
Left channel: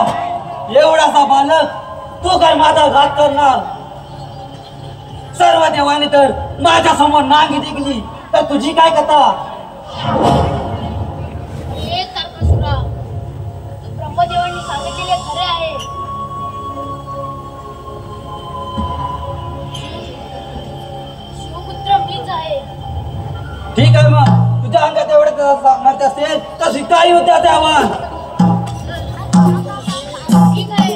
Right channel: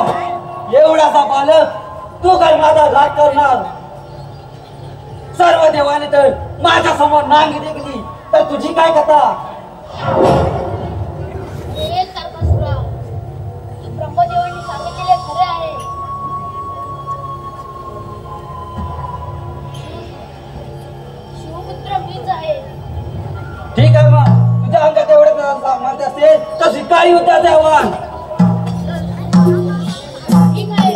एवढासा बालक तू काय माझा घात करणार? सर्व देवाने तर माझ्या समोर नांगी टेकली, तर तुझी काय कथा? हे तारकासुरा, ब्रह्मदेवांनी सांगितलेले खरे आहे. शिवपुत्र मीच आहे. ठीक आहे, मग तुझ्या अंगात एवढं सामर्थ्य असेल तर स्वीकारी उद्याचे आव्हान. ठीक आहे.